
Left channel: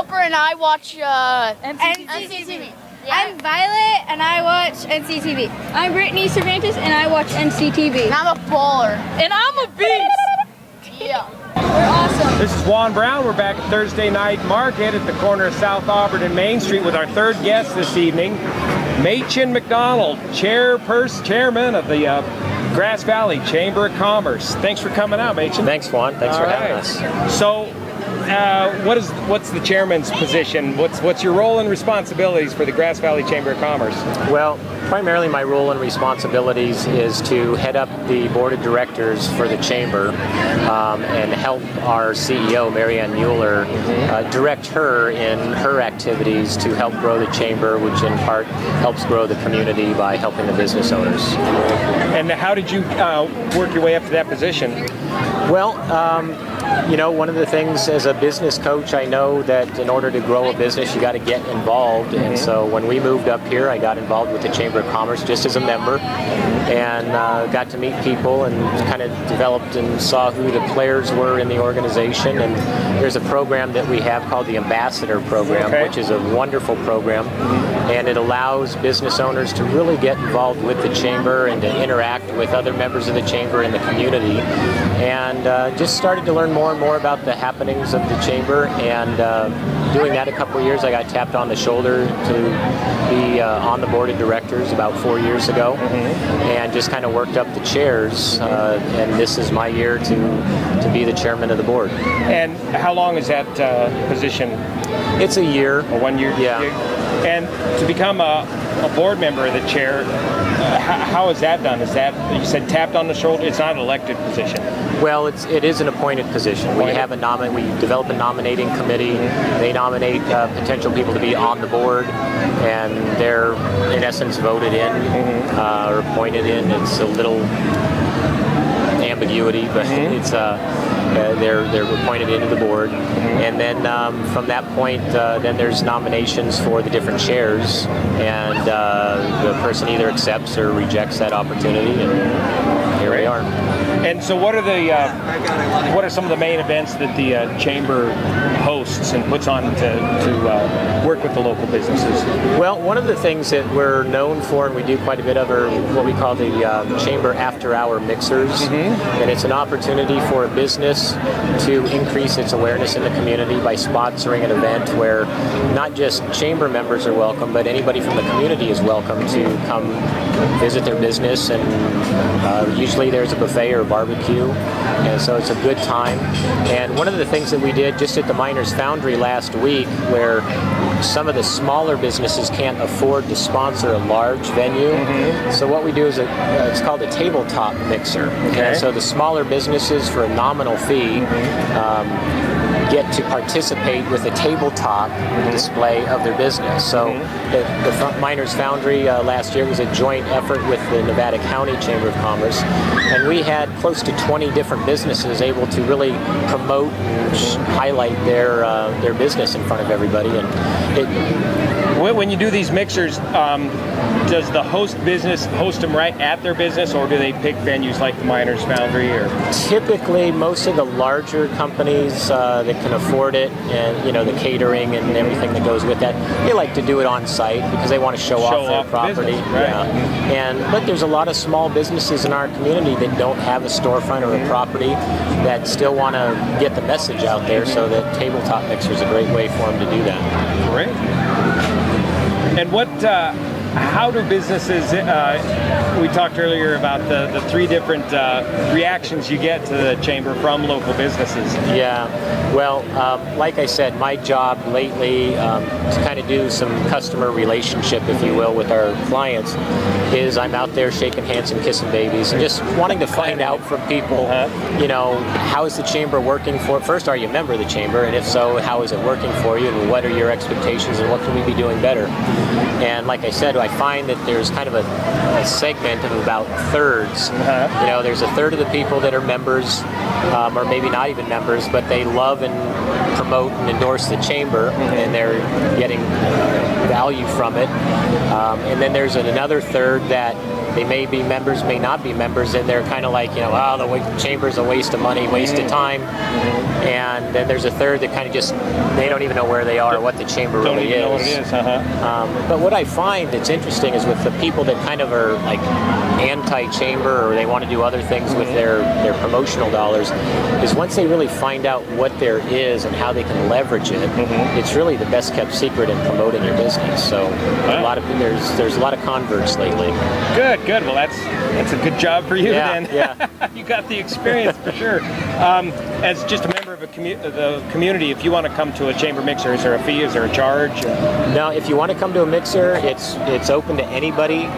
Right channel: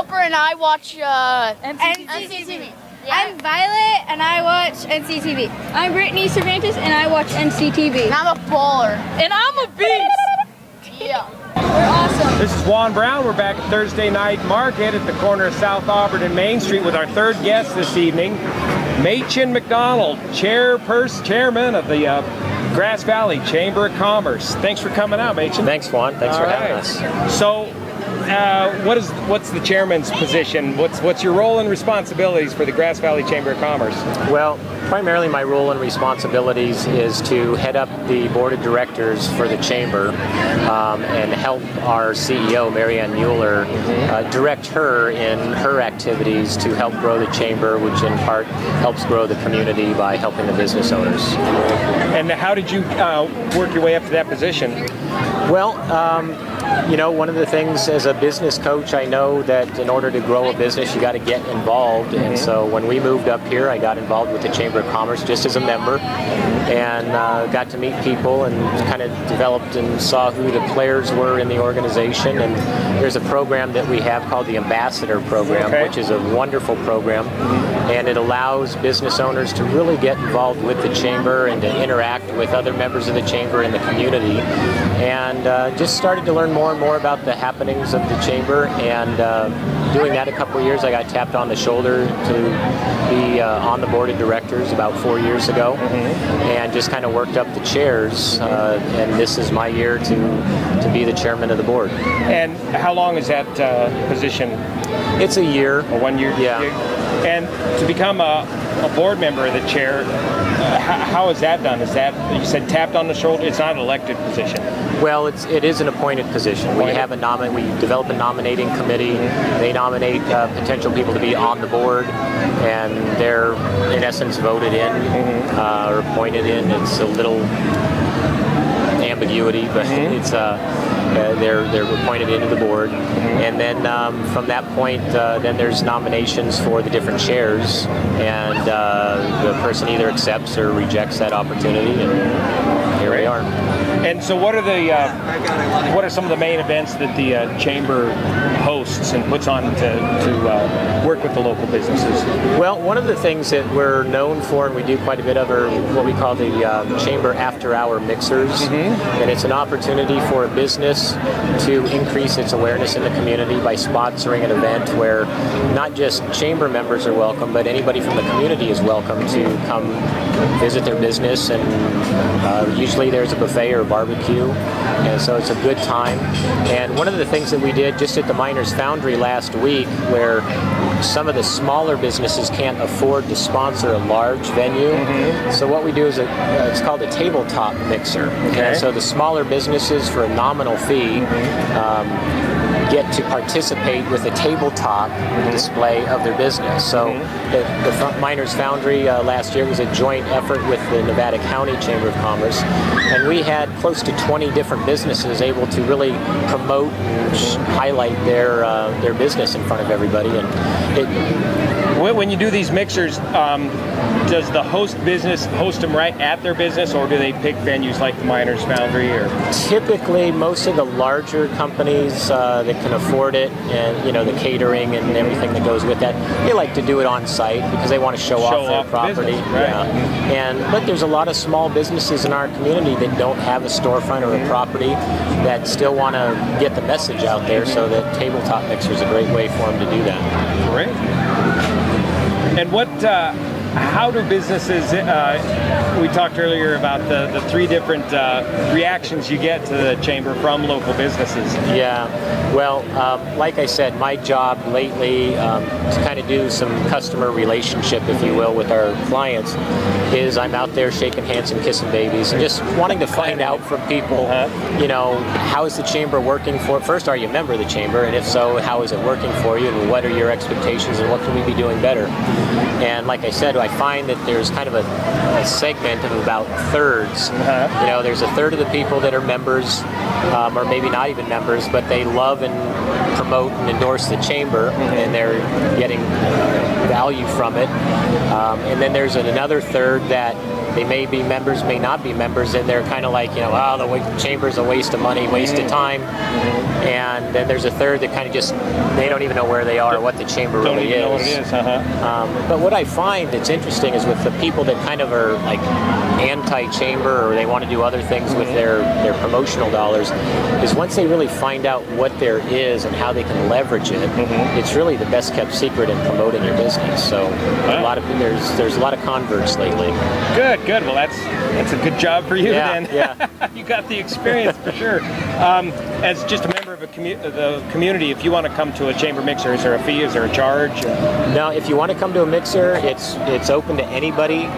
Helper and I watch NCTV. I'm Violet and I watch NCTV. I'm Brittany Cervantes and I watch NCTV. And I'm a baller. And I'm a beast. Yeah. We're awesome. This is Juan Brown. We're back at Thursday Night Market at the corner of South Auburn and Main Street with our third guest this evening, Machen McDonald, chairman of the Grass Valley Chamber of Commerce. Thanks for coming out, Machen. Thanks, Juan. Thanks for having us. So, what's the chairman's position? What's your role and responsibilities for the Grass Valley Chamber of Commerce? Well, primarily my role and responsibilities is to head up the board of directors for the chamber and help our CEO, Marianne Mueller, direct her in her activities to help grow the chamber, which in part helps grow the community by helping the business owners. And how did you work your way up to that position? Well, you know, one of the things as a business coach, I know that in order to grow a business, you got to get involved. And so when we moved up here, I got involved with the Chamber of Commerce just as a member and got to meet people and kind of developed and saw who the players were in the organization. And there's a program that we have called the Ambassador Program, which is a wonderful program. And it allows business owners to really get involved with the chamber and to interact with other members of the chamber in the community. And just started to learn more and more about the happenings of the chamber, and doing that a couple of years, I got tapped on the shoulder to be on the board of directors about 4 years ago, and just kind of worked up the chairs, and this is my year to be the chairman of the board. And how long is that position? It's a year. A 1 year? Yeah. And to become a board member of the chair, how is that done? Is that, you said tapped on the shoulder? It's not an elected position. Well, it is an appointed position. We have we develop a nominating committee. They nominate potential people to be on the board, and they're in essence voted in or appointed in. It's a little ambiguity, but it's they're appointed into the board, and then from that point, then there's nominations for the different chairs, and the person either accepts or rejects that opportunity, and here we are. And so, what are some of the main events that the chamber hosts and puts on to work with the local businesses? Well, one of the things that we're known for, and we do quite a bit of, are what we call the chamber after-hour mixers, and it's an opportunity for a business to increase its awareness in the community by sponsoring an event where not just chamber members are welcome, but anybody from the community is welcome to come visit their business, and usually there's a buffet or a barbecue, and so it's a good time. And one of the things that we did just at the Miners Foundry last week, where some of the smaller businesses can't afford to sponsor a large venue, so what we do is it's called a Tabletop Mixer. And so the smaller businesses, for a nominal fee, get to participate with a tabletop display of their business. So the Miners Foundry last year was a joint effort with the Nevada County Chamber of Commerce, and we had close to 20 different businesses able to really promote and highlight their business in front of everybody. And when you do these mixers, does the host business host them right at their business, or do they pick venues like the Miners Foundry? Or typically, most of the larger companies that can afford it, and you know, the catering and everything that goes with that, they like to do it on site because they want to show off their property. Business, right? But there's a lot of small businesses in our community that don't have a storefront or a property that still want to get the message out there. So that Tabletop Mixer is a great way for them to do that. Great. And how do businesses, we talked earlier about the three different reactions you get to the chamber from local businesses. Yeah, well, like I said, my job lately to kind of do some customer relationship, if you will, with our clients is I'm out there shaking hands and kissing babies and just wanting to find out from people, you know, how is the chamber working for, first, are you a member of the chamber, and if so, how is it working for you, and what are your expectations, and what can we be doing better? And like I said, I find that there's kind of a segment of about thirds. You know, there's a third of the people that are members, or maybe not even members, but they love and promote and endorse the chamber, and they're getting value from it. And then there's another third that They may be members, may not be members, and they're kind of like, oh, the chamber's a waste of money, waste of time. And then there's a third that kind of just, they don't even know where they are or what the chamber really is. Know what it is. But what I find that's interesting is with the people that kind of are like anti-chamber, or they want to do other things with their promotional dollars, is once they really find out what there is and how they can leverage it, it's really the best kept secret in promoting your business. So there's a lot of converts lately. Good. Well, that's a good job for you then. Yeah. You got the experience for sure. As just a member of the community, if you want to come to a chamber mixer, is there a fee? Is there a charge? No, if you want to come to a mixer, it's open to anybody.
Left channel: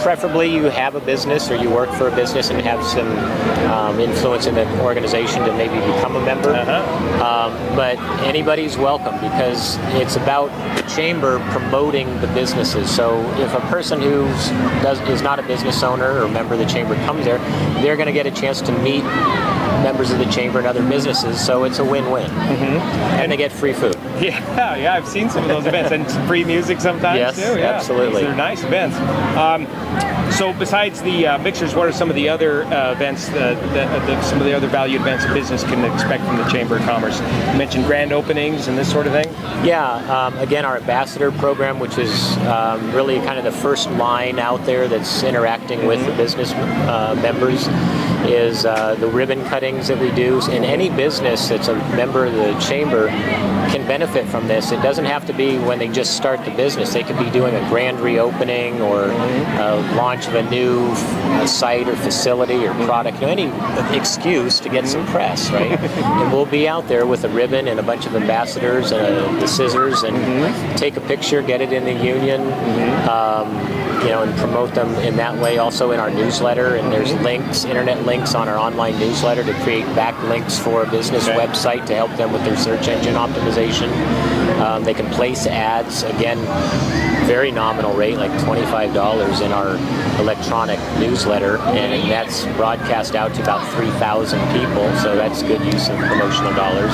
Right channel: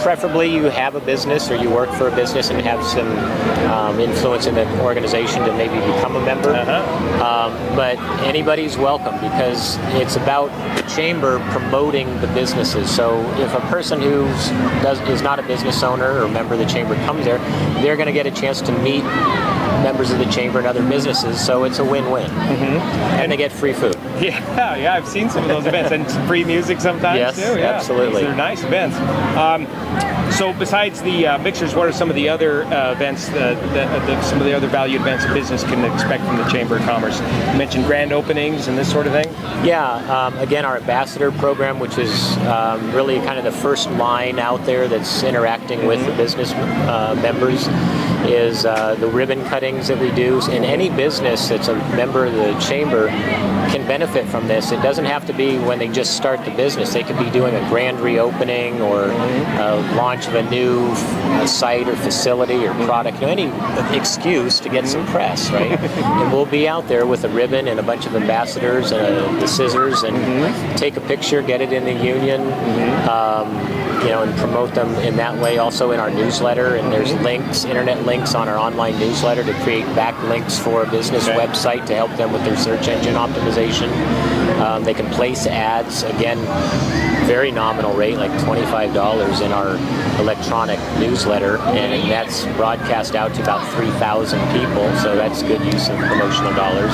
Preferably you have a business or you work for a business and have some influence in the organization to maybe become a member. But anybody's welcome, because it's about the chamber promoting the businesses. So if a person who is not a business owner or member of the chamber comes there, they're going to get a chance to meet members of the chamber and other businesses, so it's a win-win. And they get free food. Yeah, I've seen some of those events, and some free music sometimes too. Yeah, absolutely. They're nice events. So besides the mixers, what are some of the other events, some of the other valued events a business can expect from the Chamber of Commerce? You mentioned grand openings and this sort of thing? Yeah, again, our ambassador program, which is really kind of the first line out there that's interacting with the business members, is the ribbon cuttings that we do. And any business that's a member of the Chamber can benefit from this. It doesn't have to be when they just start the business. They could be doing a grand reopening or launch of a new site or facility or product, any excuse to get some press, right? And we'll be out there with a ribbon and a bunch of ambassadors and the scissors and take a picture, get it in the union, and promote them in that way. Also in our newsletter, and there's links, internet links on our online newsletter to create backlinks for a business website to help them with their search engine optimization. They can place ads, again, very nominal rate, like $25 in our electronic newsletter, and that's broadcast out to about 3,000 people, so that's good use of promotional dollars.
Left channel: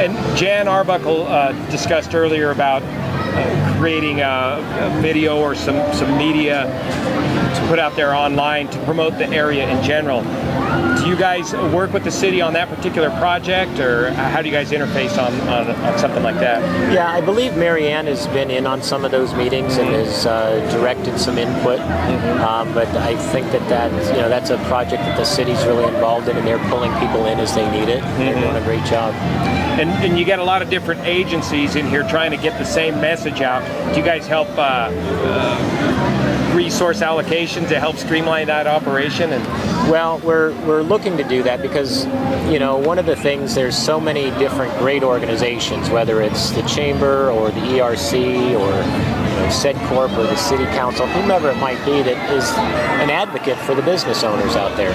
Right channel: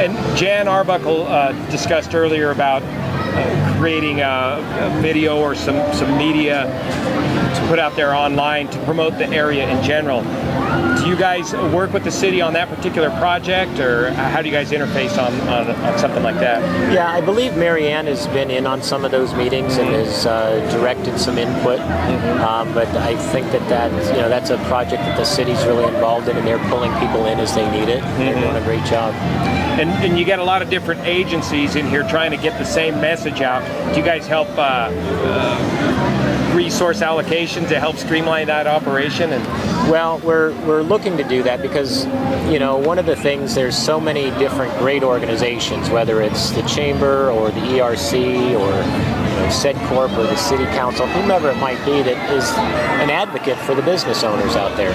And Jan Arbuckle discussed earlier about creating a video or some media to put out there online to promote the area in general. Do you guys work with the city on that particular project, or how do you guys interface on something like that? Yeah, I believe Mary Ann has been in on some of those meetings and has directed some input. But I think that's a project that the city's really involved in, and they're pulling people in as they need it. They're doing a great job. And you get a lot of different agencies in here trying to get the same message out. Do you guys help resource allocations to help streamline that operation? Well, we're looking to do that because, one of the things, there's so many different great organizations, whether it's the Chamber or the ERC or SedCorp or the City Council, whomever it might be, that is an advocate for the business owners out there.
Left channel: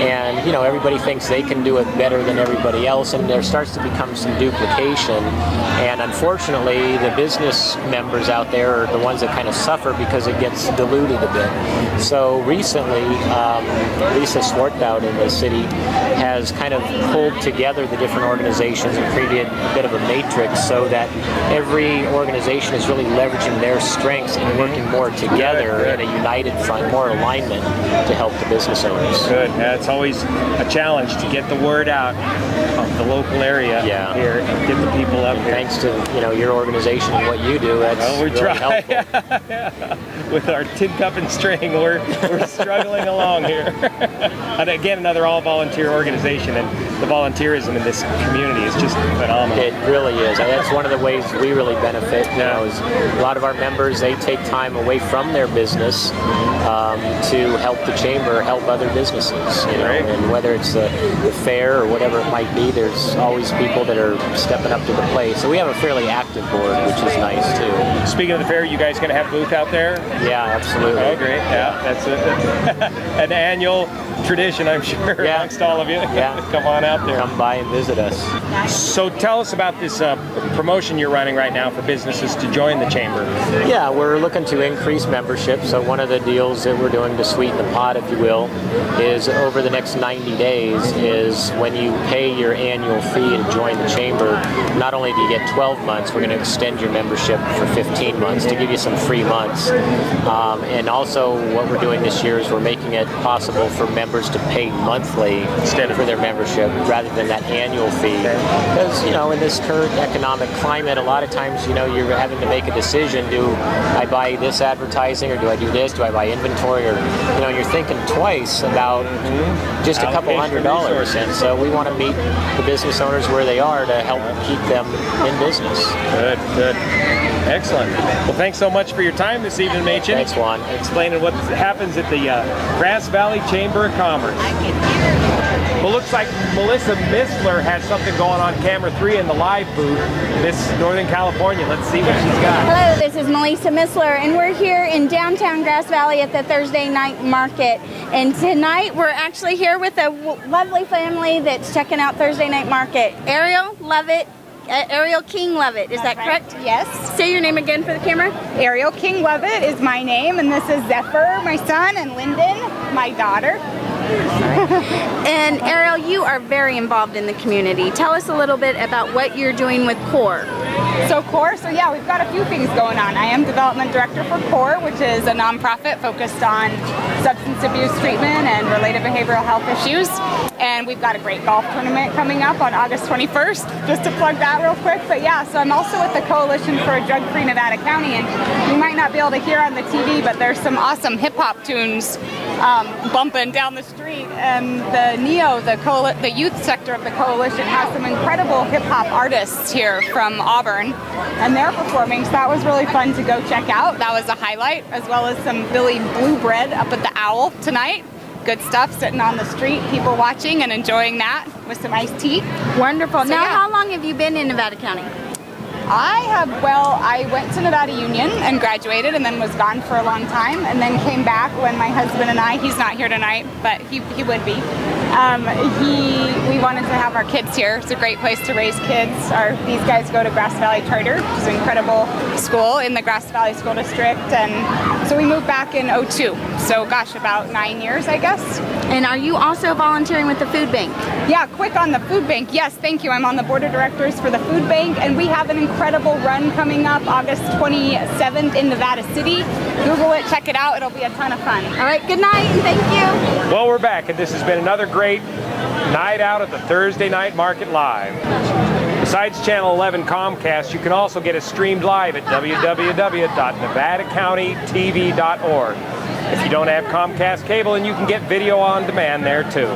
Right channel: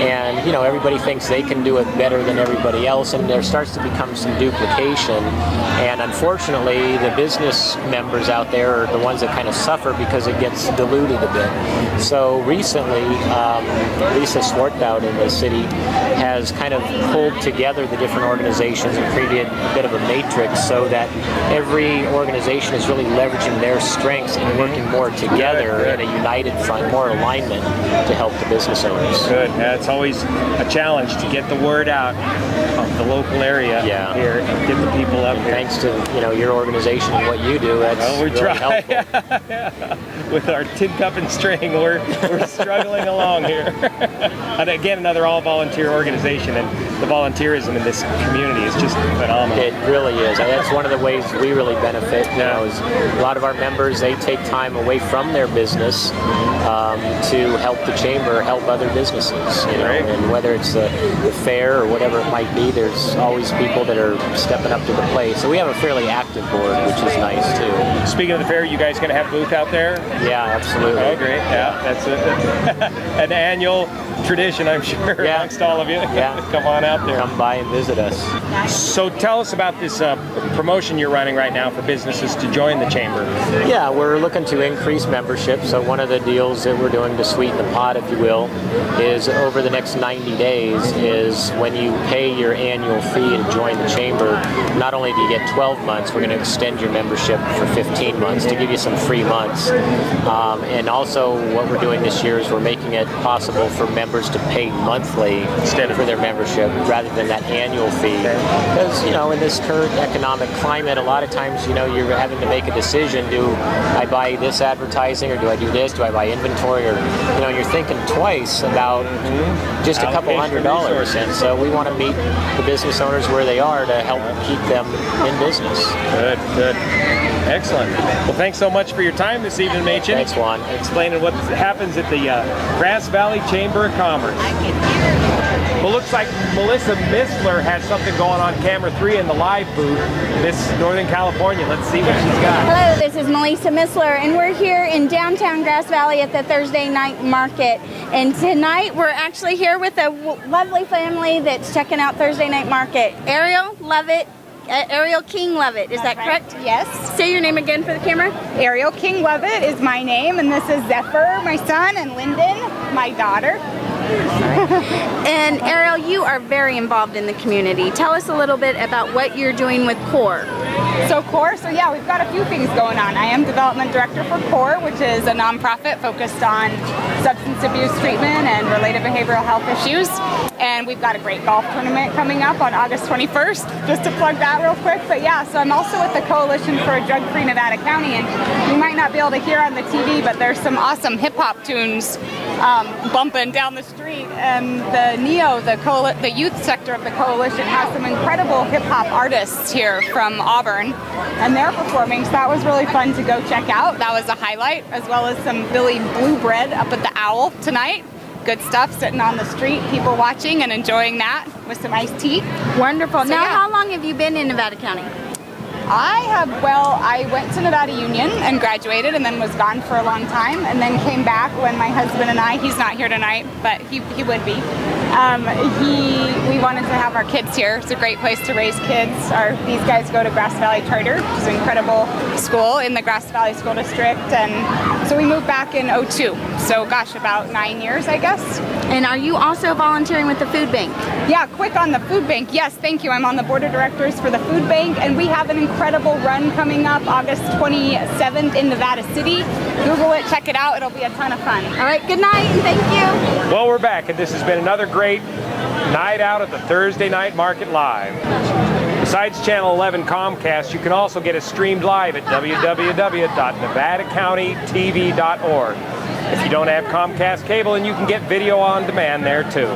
And, everybody thinks they can do it better than everybody else, and there starts to become some duplication. And unfortunately, the business members out there are the ones that kind of suffer because it gets diluted a bit. So recently, Lisa Swarthout in the city has kind of pulled together the different organizations and created a bit of a matrix so that every organization is really leveraging their strengths and working more together in a united front, more alignment to help the business owners. Good. Yeah, it's always a challenge to get the word out of the local area here and get the people up here. Thanks to your organization and what you do, that's we really try. helpful. With our tin cup and string, we're struggling along here. And again, another all-volunteer organization, and the volunteerism in this community is just phenomenal. It really is. That's one of the ways we really benefit. Is a lot of our members, they take time away from their business to help the chamber, help other businesses. And whether it's the fair or whatever it might be, there's always people that are stepping up to the plate. So we have a fairly active board, which is nice too. Speaking of the fair, you guys going to have a booth out there? Yeah, absolutely. Oh, great. Yeah, that's an annual tradition, I'm sure, amongst all of you. Yeah. Come on out there. Come by and visit us. So tell us about this promotion you're running right now for businesses to join the chamber. Yeah, we're looking to increase membership. So one of the deals that we're doing to sweeten the pot, if you will, is over the next 90 days is when you pay your annual fee to join the chamber, not only do you get 12 months, we're going to extend your membership for 15 months to give you some free months. And also what we're doing this year is we're making it possible for members to pay monthly instead of for their membership rather than that annual fee. Because, you know, in this current economic climate, a lot of times, you know, you're having to make a decision. Do I buy this advertising, or do I do this? Do I buy inventory? Or, you know, you're thinking twice about just a couple $100. And so we want to meet the business owners where they are to help keep them in business. Good, good. Excellent. Well, thanks so much for your time this evening, Machen. Thanks, Juan. Explaining what happens at the Grass Valley Chamber of Commerce. Well, looks like Melissa Missler has something going on camera 3 in the live booth. Miss Northern California. Let's see what she's got. Hello, this is Melissa Missler, and we're here in downtown Grass Valley at the Thursday night market. And tonight we're actually here with a lovely family that's checking out Thursday night market. Ariel, love it. Ariel King Lovett, is that correct? Yes. Say your name again for the camera. Ariel King Lovett is my name, and this is Zephyr, my son, and Lyndon, my daughter. And Ariel, you are very involved in the community. Tell us a little bit about what you're doing with CORE. So yeah, we've got a few things going on. I am development director for CORE, which is a nonprofit focused on substance abuse treatment and related behavioral health issues. And we've got a great golf tournament coming up on August 21st, just to plug that real quick. But yeah, so I'm also with the Coalition for a Drug-Free Nevada County, and you might not be able to hear on the TV, but there's some awesome hip-hop tunes bumping down the street. And the NEO, the youth sector of the Coalition, has some incredible hip-hop artists here from Auburn, and they're performing, so that was really fun to go check out. That was a highlight, as well as some Billy Blue Bread up at the Owl tonight. Good stuff, sitting on the street, people watching and enjoying that with some iced tea. Wonderful. So, now, yeah. how long have you been in Nevada County? I went to Nevada Union and graduated, and then was gone for a long time, and then came back when my husband and I, he's not here tonight, but he would be. We wanted to have our kids here. It's a great place to raise kids. These guys go to Grass Valley Charter, which is an incredible school in the Grass Valley School District, and so we moved back in '02. So gosh, about 9 years, I guess. And are you also volunteering with the food bank? Yeah, quick on the food bank. Yes, thank you. I'm on the board of directors for the food bank, and we have an incredible run coming up August 27th in Nevada City. Google it, check it out. It'll be a ton of fun. All right, good night, and thank you. Well, we're back, and this has been another great night out at the Thursday Night Market Live. Besides Channel 11 Comcast, you can also get us streamed live at www.nevadacountytv.org. If you don't have Comcast cable, and you can get video on demand there too.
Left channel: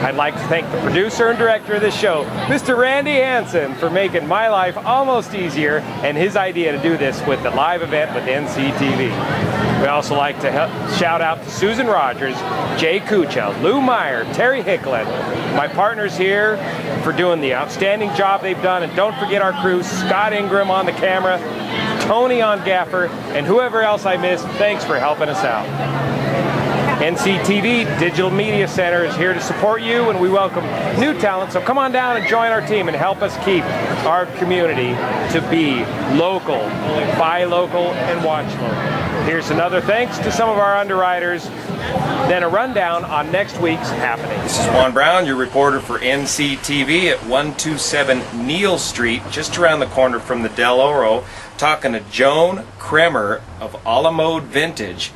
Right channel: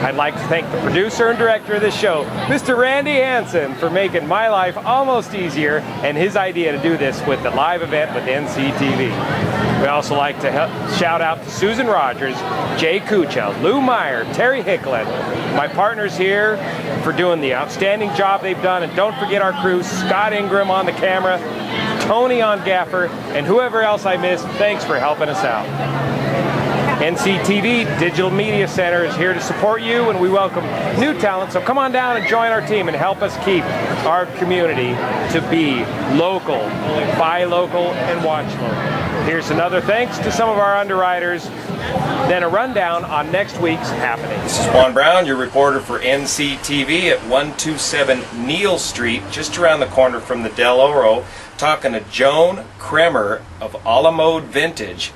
I'd like to thank the producer and director of this show, Mr. Randy Hansen, for making my life almost easier, and his idea to do this with the live event with NCTV. We also like to shout out to Susan Rogers, Jay Kucha, Lou Meyer, Terry Hicklin, my partners here for doing the outstanding job they've done, and don't forget our crew, Scott Ingram on the camera, Tony on gaffer, and whoever else I missed, thanks for helping us out. NCTV Digital Media Center is here to support you, and we welcome new talent, so come on down and join our team and help us keep our community to be local, buy local, and watch local. Here's another thanks to some of our underwriters, then a rundown on next week's happenings. This is Juan Brown, your reporter for NCTV at 127 Neal Street, just around the corner from the Del Oro, talking to Joan Kremer of Alamode Vintage.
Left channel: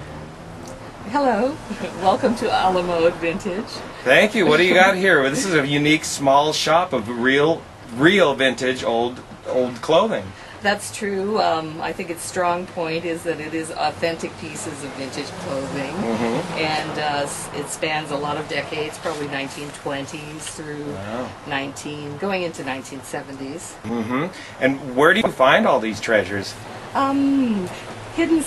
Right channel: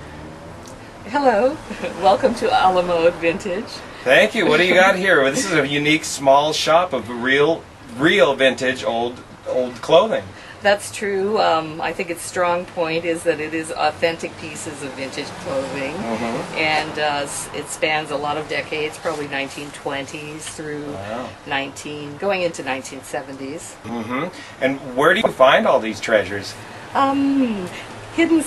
Hello, welcome to Alamode Vintage. Thank you. What do you got here? This is a unique small shop of real vintage old clothing. That's true. I think its strong point is that it is authentic pieces of vintage clothing, and it spans a lot of decades, probably 1920s through going into 1970s. And where do you find all these treasures? Hidden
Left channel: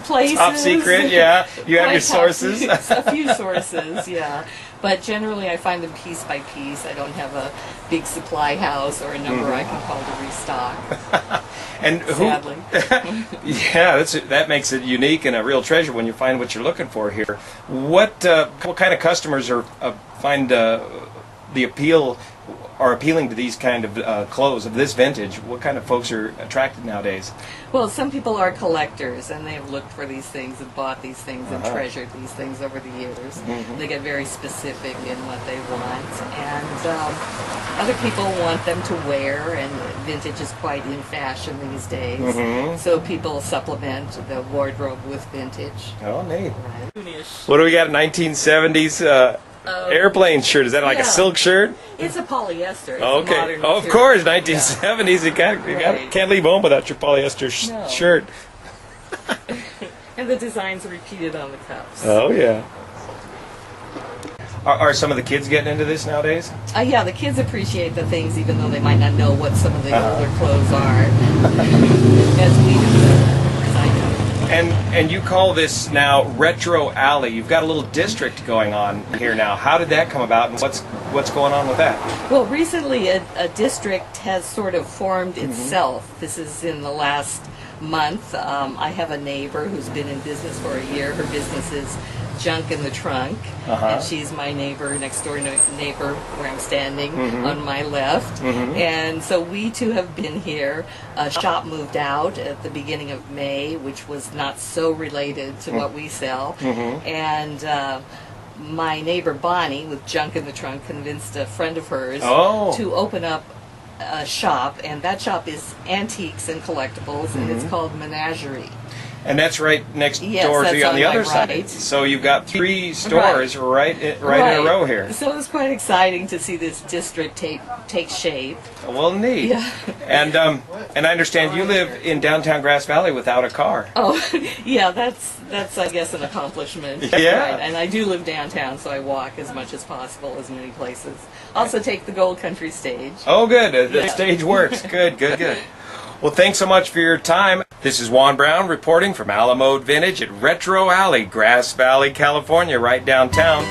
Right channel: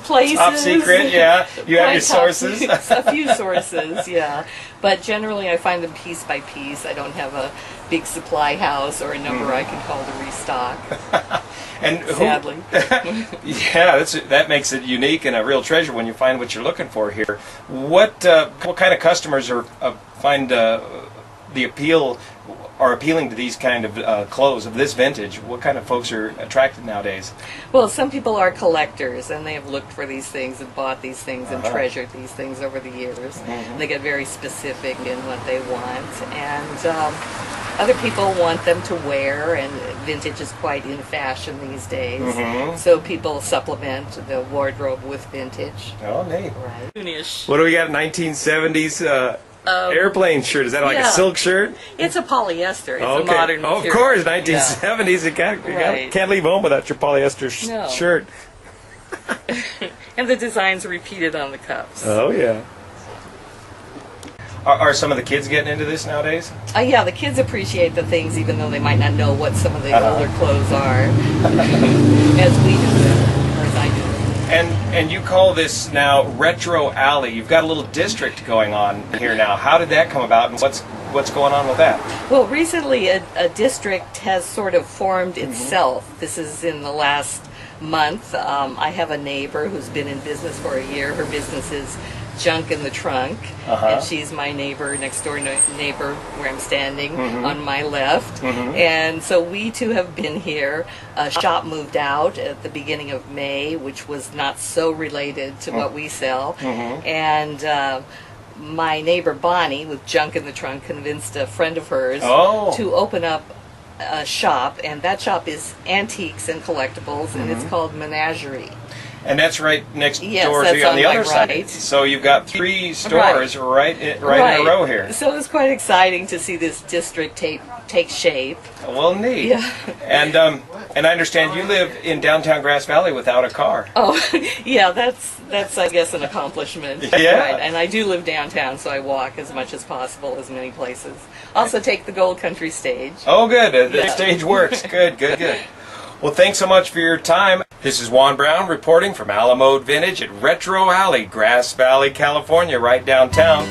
places. Top secret, yeah. You have your sources. A few sources, yeah. But generally I find them piece by piece. I don't have a big supply house or a number I can call to restock. And sadly. Yeah, that makes it unique and a real treasure when you find what you're looking for here. What kind of customers find the appeal are appealing to these kind of clothes of this vintage? What kind of folks are attracted nowadays? Well, some people are collectors, and they have looked for these things and bought these things and treasured these things over the years. They get very specific in what they want, and other people want them to wear, and vintage is quite in fashion these days. So people supplement the wardrobe with vintage. Oh, neat. Right. What do we got? 1970s airplane shirt. Is that like a silk shirt? It's a polyester. It's a modern Oh, of material. course, 1970s. You can't leave home without your polyester shirt. And the designs are repeated on the cuffs. Oh, yeah. Are some of the kids getting into this nowadays? Yeah, the kids appreciate the things even though they might not know what some of the older clothes are, as we do, or as I do. And you call this now Retro Alley. You've got a little district going on here now. How did that come about, and what's going on with that? Well, recently a district has sort of formed itself. This is in the last month. I have a neighbor who's been in business for a year. Her business is Junk in the Trunk, and she's my neighbor, next door neighbor where I'm standing on my left. And so we two have been here. A shop moved out at the beginning of May, which was not so related to what we sell. And my neighbor Bonnie with Junk in the Trunk convinced a friend of hers to open up a shop, and that shop is antiques and collectibles, and it's called Menagerie. And that's right next door to you on the other side. So you've got 3 stores right in a row here. So it's quite exciting to see this district take shape. Well, neat. Yeah. And I understand you live in downtown Grass Valley without a car. Oh, yeah, that's I guess an accomplishment. Yeah. Right. And I do live downtown, so I walk as much as possible, as many places. Also take the Gold Country stage. Oh, good. The stage works. Good. Well, thanks so much for your time. This is Juan Brown reporting from Alamode Vintage at Retro Alley, Grass Valley, California, right downtown.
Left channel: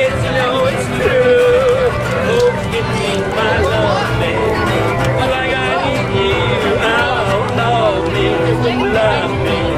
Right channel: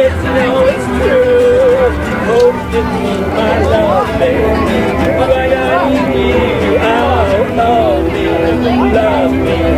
Yes, you know it's true. Hope you keep my love, baby. But I need you. Oh, love me, love me.